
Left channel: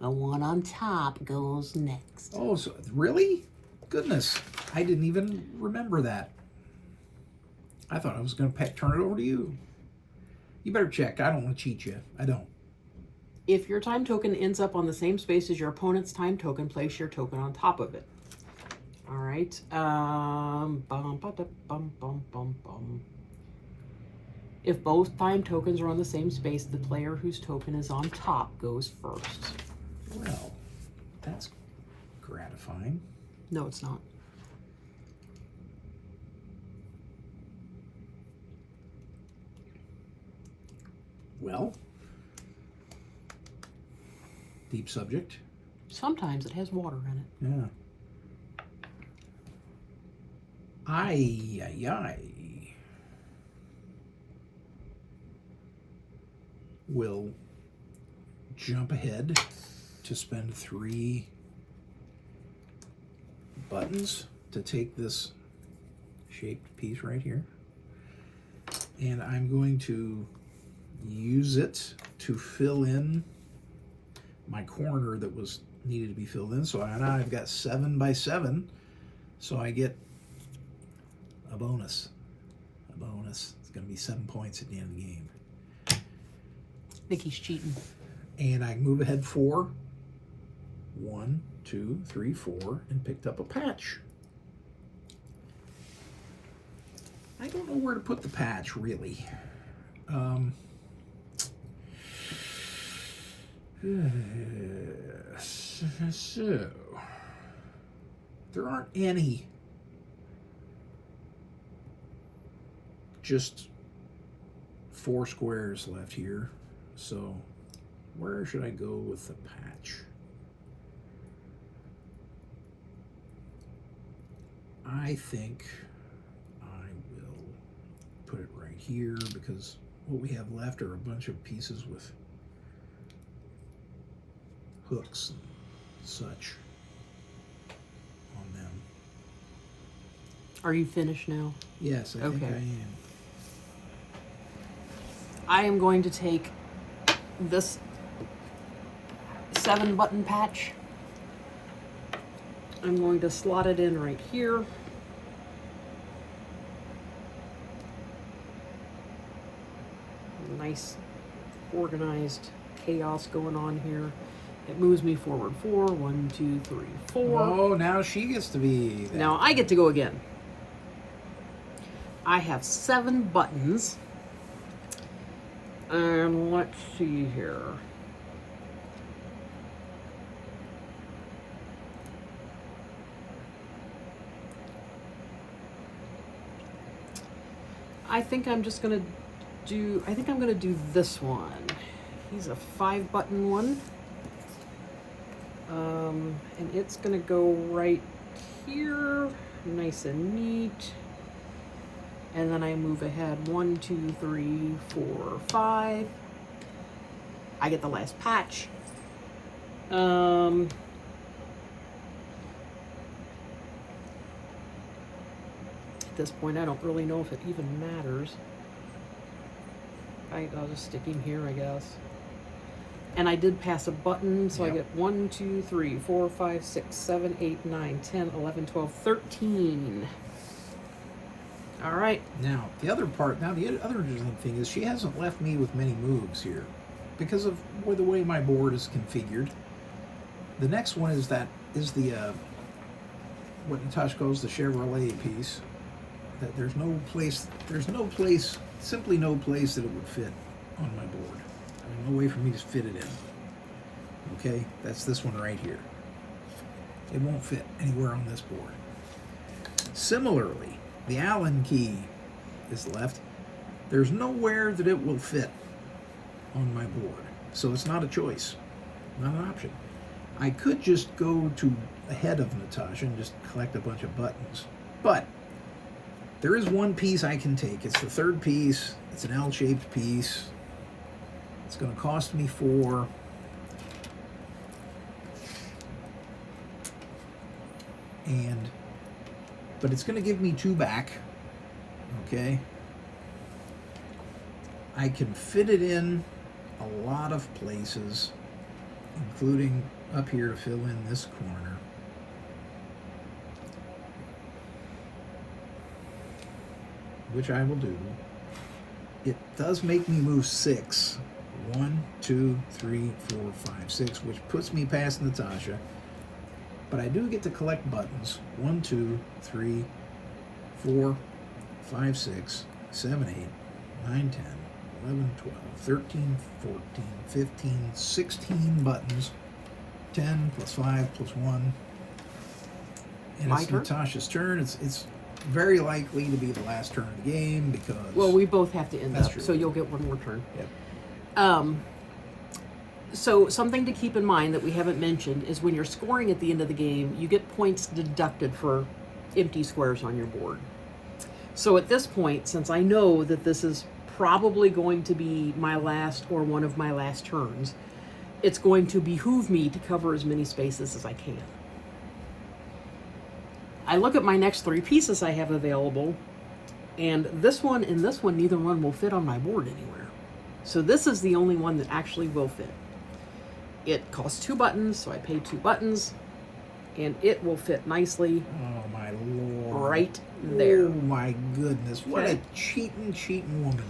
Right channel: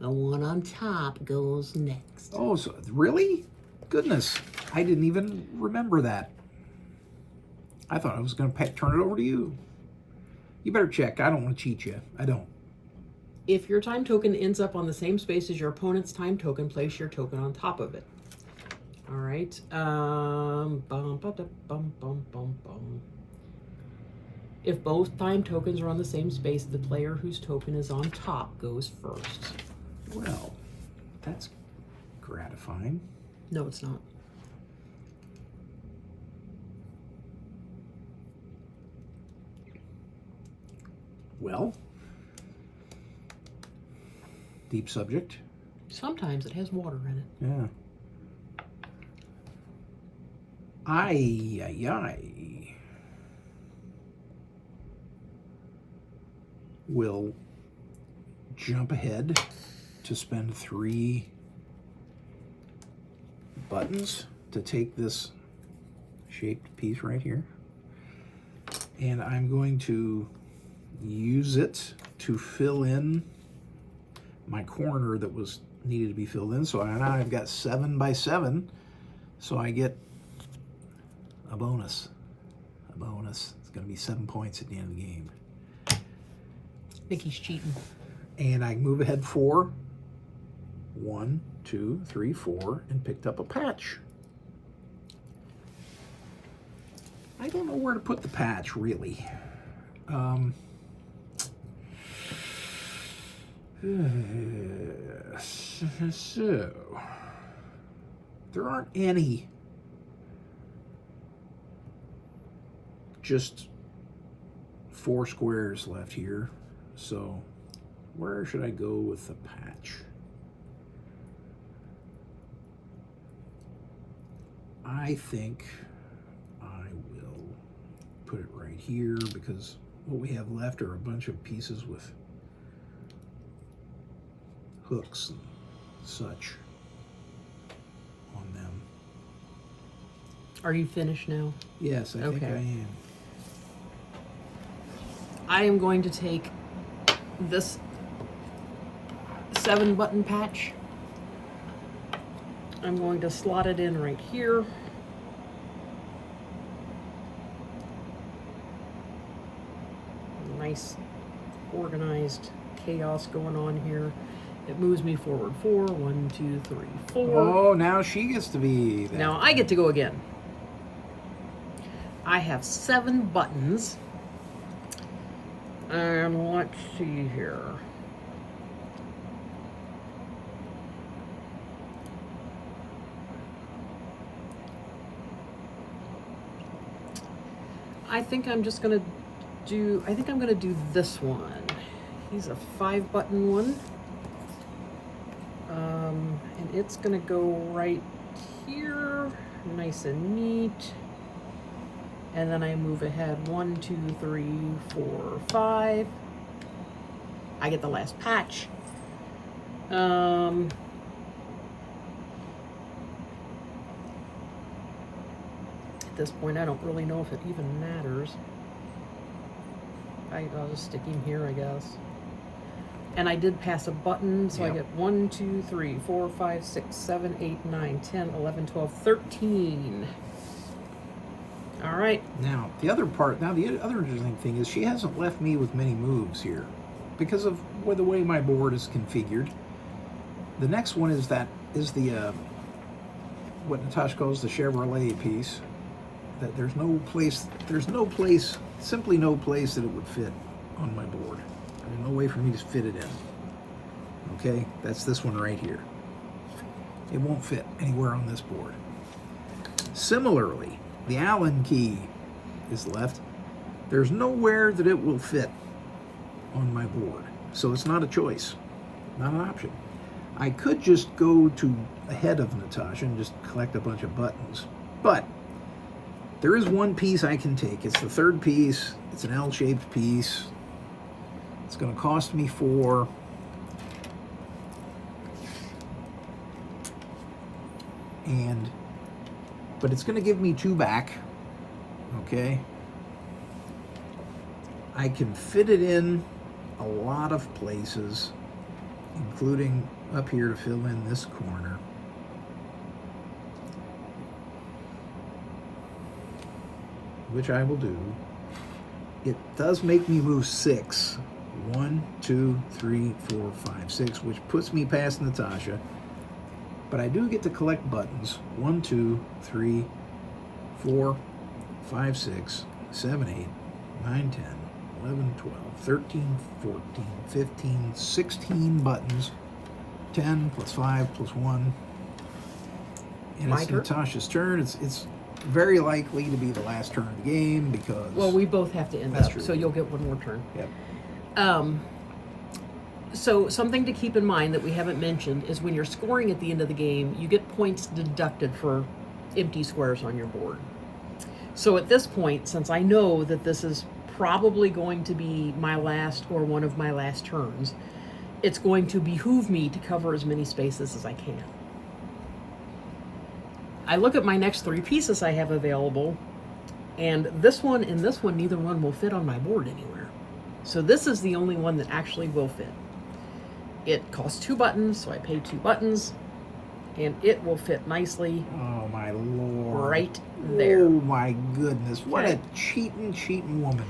the one on top goes next. Oh, so really? Goodness, I didn't even remember that. I thought I was going to turn it over to you. You better check. I don't want to cheat you. I don't. If your time token ends up on the same space as your opponent's time token, place your token on top of it. All right. If both time tokens are on the same space, the player whose token is on top goes first. Well, that's gratifying. No, it's not. Well, deep subject. Sometimes it has water in it. Yeah. I will jump ahead to spend 3 buttons to take this shaped piece right here. And I'm going to use it to fill in my corner that was needed to be filled in. So now I've got 7x7. So I get a bonus. A bonus. It's going to be 7 points at the end of the game. Nikki's cheating. And I move ahead 4. 1, 2, 3, 4, and picked up a patch. I don't know where to put the patch, really. So, there aren't any just 4 squares left here. So, where should I go with the patch? I think I will put it right here because what we have left are a bunch of pieces with hooks and such on them. Are you finished now? Yes, I think I am. I am going to take this 7-button patch. I'm going to slot it in right here. Nice organized chaos going on here. It moves me forward 4. 1, 2, 3, 4. Oh, now she gets to be there. Now I get to go again. I have 7 buttons. And let's see here. I think I'm just gonna do, I think I'm gonna do this one. He's a 5-button one. And it's gonna go right here, nice and neat. And then I move ahead 1, 2, 3, 4, 5. I get the last patch. At this point, I don't really know if it even matters. I'll just stick him here, I guess. And I did pass a button, so I get 1, 2, 3, 4, 5, 6, 7, 8, 9, 10, 11, 12, 13. All right. Now, the other interesting thing is she hasn't left me with many moves here because of the way my board is configured. The next one is the what Natasha calls the Chevrolet piece. That there's simply no place that it would fit on my board. There's no way for me to fit it in. Okay, that's this one right here. It won't fit anywhere on this board. Similarly, the Allen key is left. There's nowhere that it will fit on my board. So it's not a choice, not an option. I could just go to ahead of Natasha and just collect a bunch of buttons. But there is one piece I can take. It's the third piece. It's an L-shaped piece. It's going to cost me 4. But it's going to give me 2 back. Okay. I can fit it in a lot of places, including up here to fill in this corner. Which I will do. It does make me move 6. 1, 2, 3, 4, 5, 6, which puts me past Natasha. But I do get to collect buttons. 1, 2, 3, 4, 5, 6, 7, 8, 9, 10, 11, 12, 13, 14, 15, 16 buttons. 10 plus 5 plus 1. And My it's turn? Natasha's turn. It's very likely to be the last turn of the game because... Well, we both have to end That's up, true. so you'll get one more turn. Yep. So something to keep in mind that we haven't mentioned is when you're scoring at the end of the game, you get points deducted for empty squares on your board. So at this point, since I know that this is probably going to be my last or one of my last turns, it's going to behoove me to cover as many spaces as I can. I look at my next 3 pieces I have available, and this one and this one, neither one will fit on my board anywhere. So this is the only one that actually will fit. It costs 2 buttons, so I pay 2 buttons, and it will fit nicely. Oh my lord. Right there. Oh my goodness. What Okay. a cheating woman.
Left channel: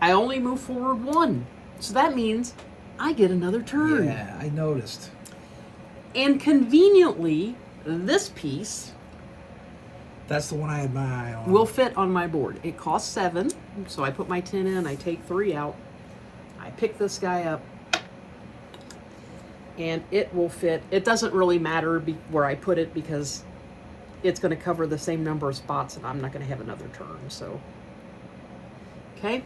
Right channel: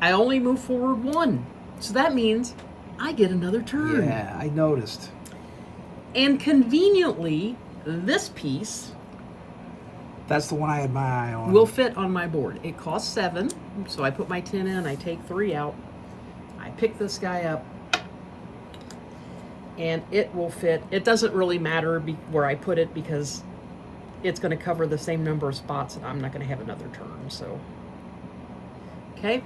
I only move forward 1, so that means I get another turn. Yeah, I noticed. And conveniently, this piece That's the one I had my eye on. will fit on my board. It costs 7, so I put my 10 in, I take 3 out, I pick this guy up, and it will fit. It doesn't really matter where I put it because it's going to cover the same number of spots and I'm not going to have another turn. So, okay.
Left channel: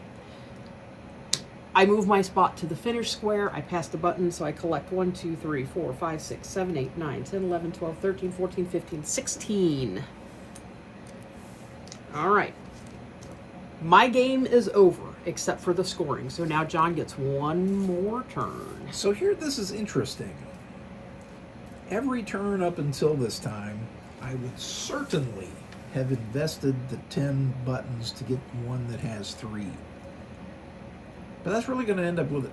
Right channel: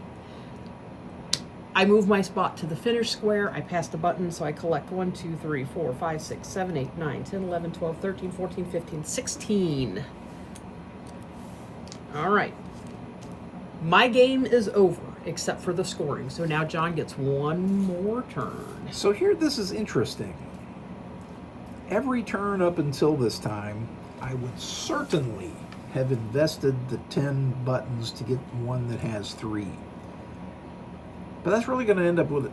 I move my spot to the finish square. I pass the button, so I collect 1, 2, 3, 4, 5, 6, 7, 8, 9, 10, 11, 12, 13, 14, 15, 16. All right. My game is over, except for the scoring. So now John gets one more turn. So here, this is interesting. Every turn up until this time, I would certainly have invested the 10 buttons to get one that has 3. But that's really going to end up with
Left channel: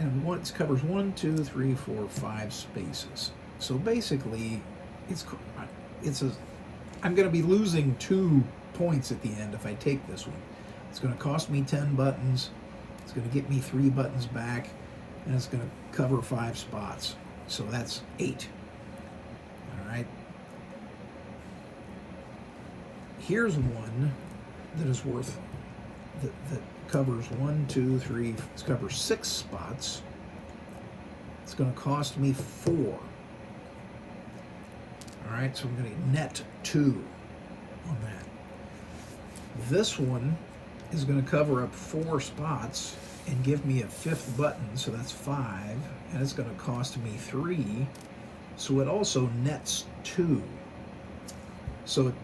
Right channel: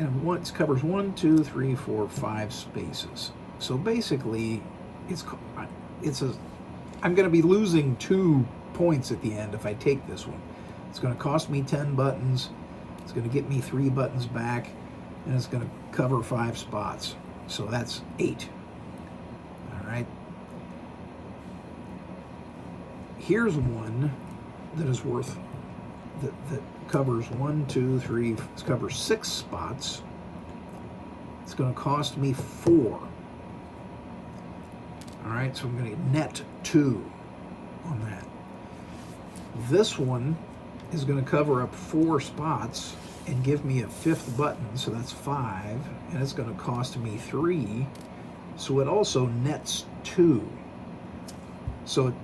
and once covers 1, 2, 3, 4, 5 spaces. So basically, I'm going to be losing 2 points at the end if I take this one. It's going to cost me 10 buttons. It's going to get me 3 buttons back, and it's going to cover 5 spots. So that's 8. All right. Here's one that is worth that covers 1, 2, 3. It covers 6 spots. It's going to cost me 4. All right, so I'm going to net 2 on that. This one is going to cover up 4 spots and give me a 5th button, so that's 5, and it's going to cost me 3, so it also nets 2. So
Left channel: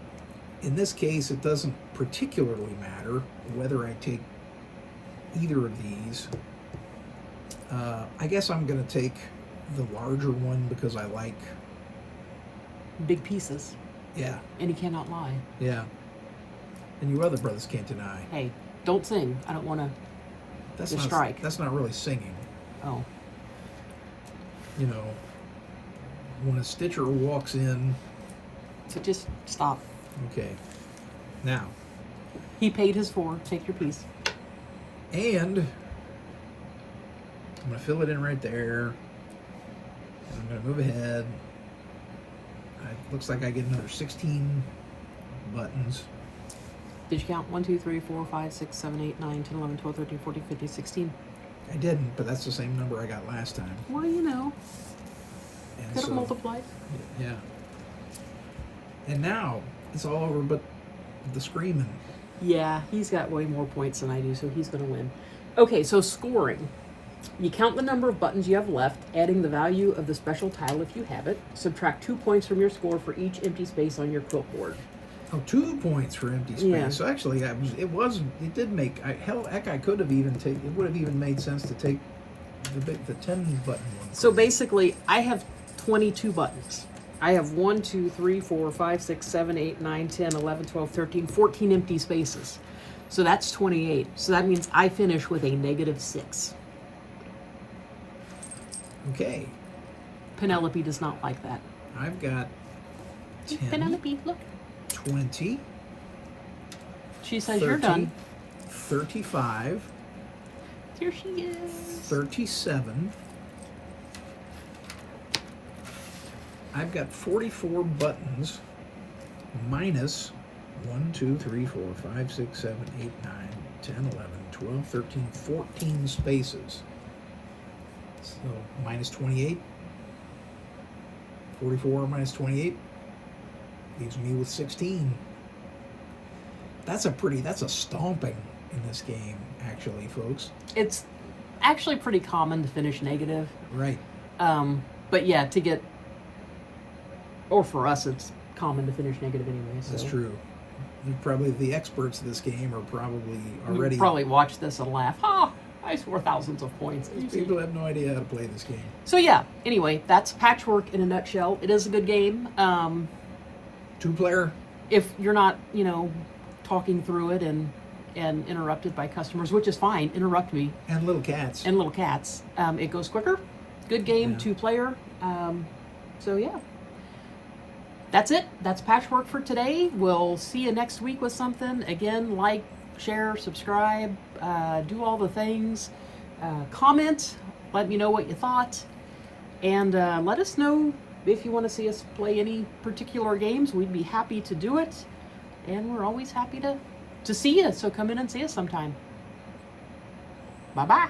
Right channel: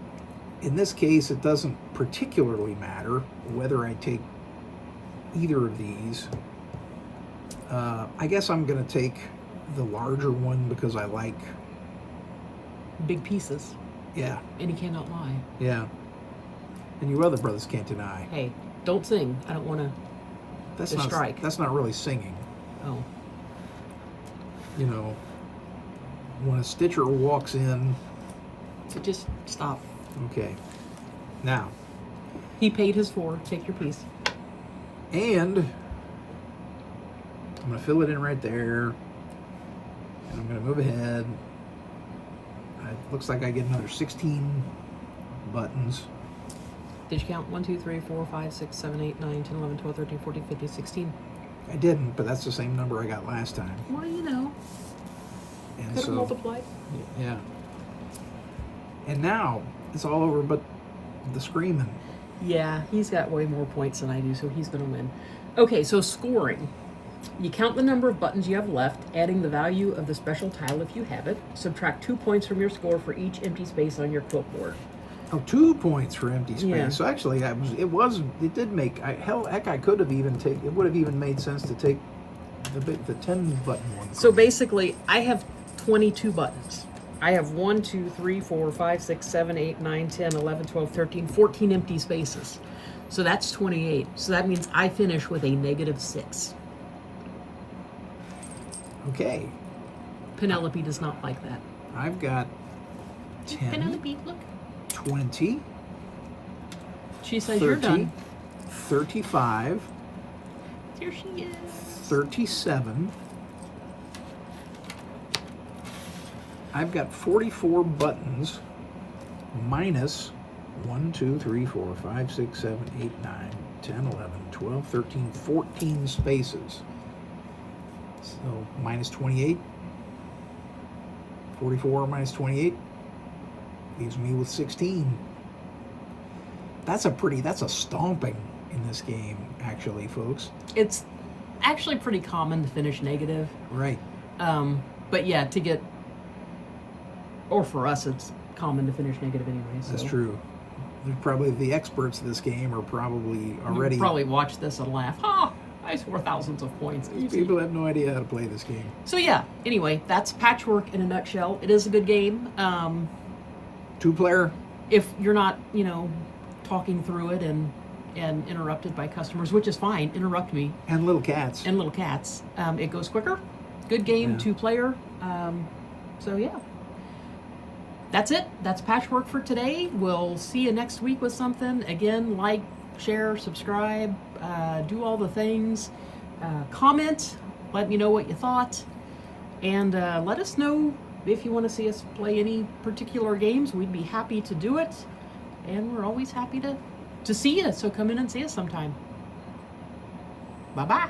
in this case, it doesn't particularly matter whether I take either of these. I guess I'm going to take the larger one because I like... Big pieces. Yeah. And he cannot lie. Yeah. And your other brothers can't deny. Hey, don't sing. I don't want to strike. That's not really singing. Oh. You know, when a Stitcher walks in... So just stop. Okay. Now, He paid his 4. Take your piece. and I'm going to fill it in right there. And I'm going to move ahead. It looks like I get another 16 buttons. Did you count 1, 2, 3, 4, 5, 6, 7, 8, 9, 10, 11, 12, 13, 14, 15, 16? I didn't, but that's the same number I got last time. Well, you know. And Could have so, multiplied. yeah. And now it's all over, but the screaming. Yeah, he's got way more points than I do, so he's going to win. Okay, so scoring. You count the number of buttons you have left, adding the value of the special tile if you have it. Subtract 2 points from your score for each empty space on your quilt board. Oh, 2 points for empty space. Yeah. So actually, it did make. Heck, I could have even taken. It would have even made sense to take the 10 button one. So basically, I have 22 buttons. I have 1, 2, 3, 4, 5, 6, 7, 8, 9, 10, 11, 12, 13, 14 empty spaces. So that's 28. So that means I finish with a -6. Okay, Penelope does not like that. I've got 10, Penelope, look. 20, She says 30, you're done. 35, Here she is. 37. I've got 44 buttons minus 1, 2, 3, 4, 5, 6, 7, 8, 9, 10, 11, 12, 13, 14 spaces. So minus 28. 44 minus 28 leaves me with 16. That's a stomping in this game, actually, folks. It's actually pretty common to finish negative. Right. But yeah, to get, or for us, it's common to finish negative anyway. So. That's true. You're probably the experts of this game are probably already. You'll probably watch this and laugh. Ha! I score thousands of points. People have no idea how to play this game. So yeah, anyway, that's Patchwork in a nutshell. It is a good game. 2-player. If you're not, talking through it and interrupted by customers, which is fine, interrupt me. And little cats. And little cats. It goes quicker. Good game, Yeah. 2-player. So yeah. That's it. That's Patchwork for today. We'll see you next week with something. Again, like, share, subscribe, do all the things. Comment. Let me know what you thought. And let us know if you want to see us play any particular games. We'd be happy to do it. And we're always happy to see you. So come in and see us sometime. Bye-bye.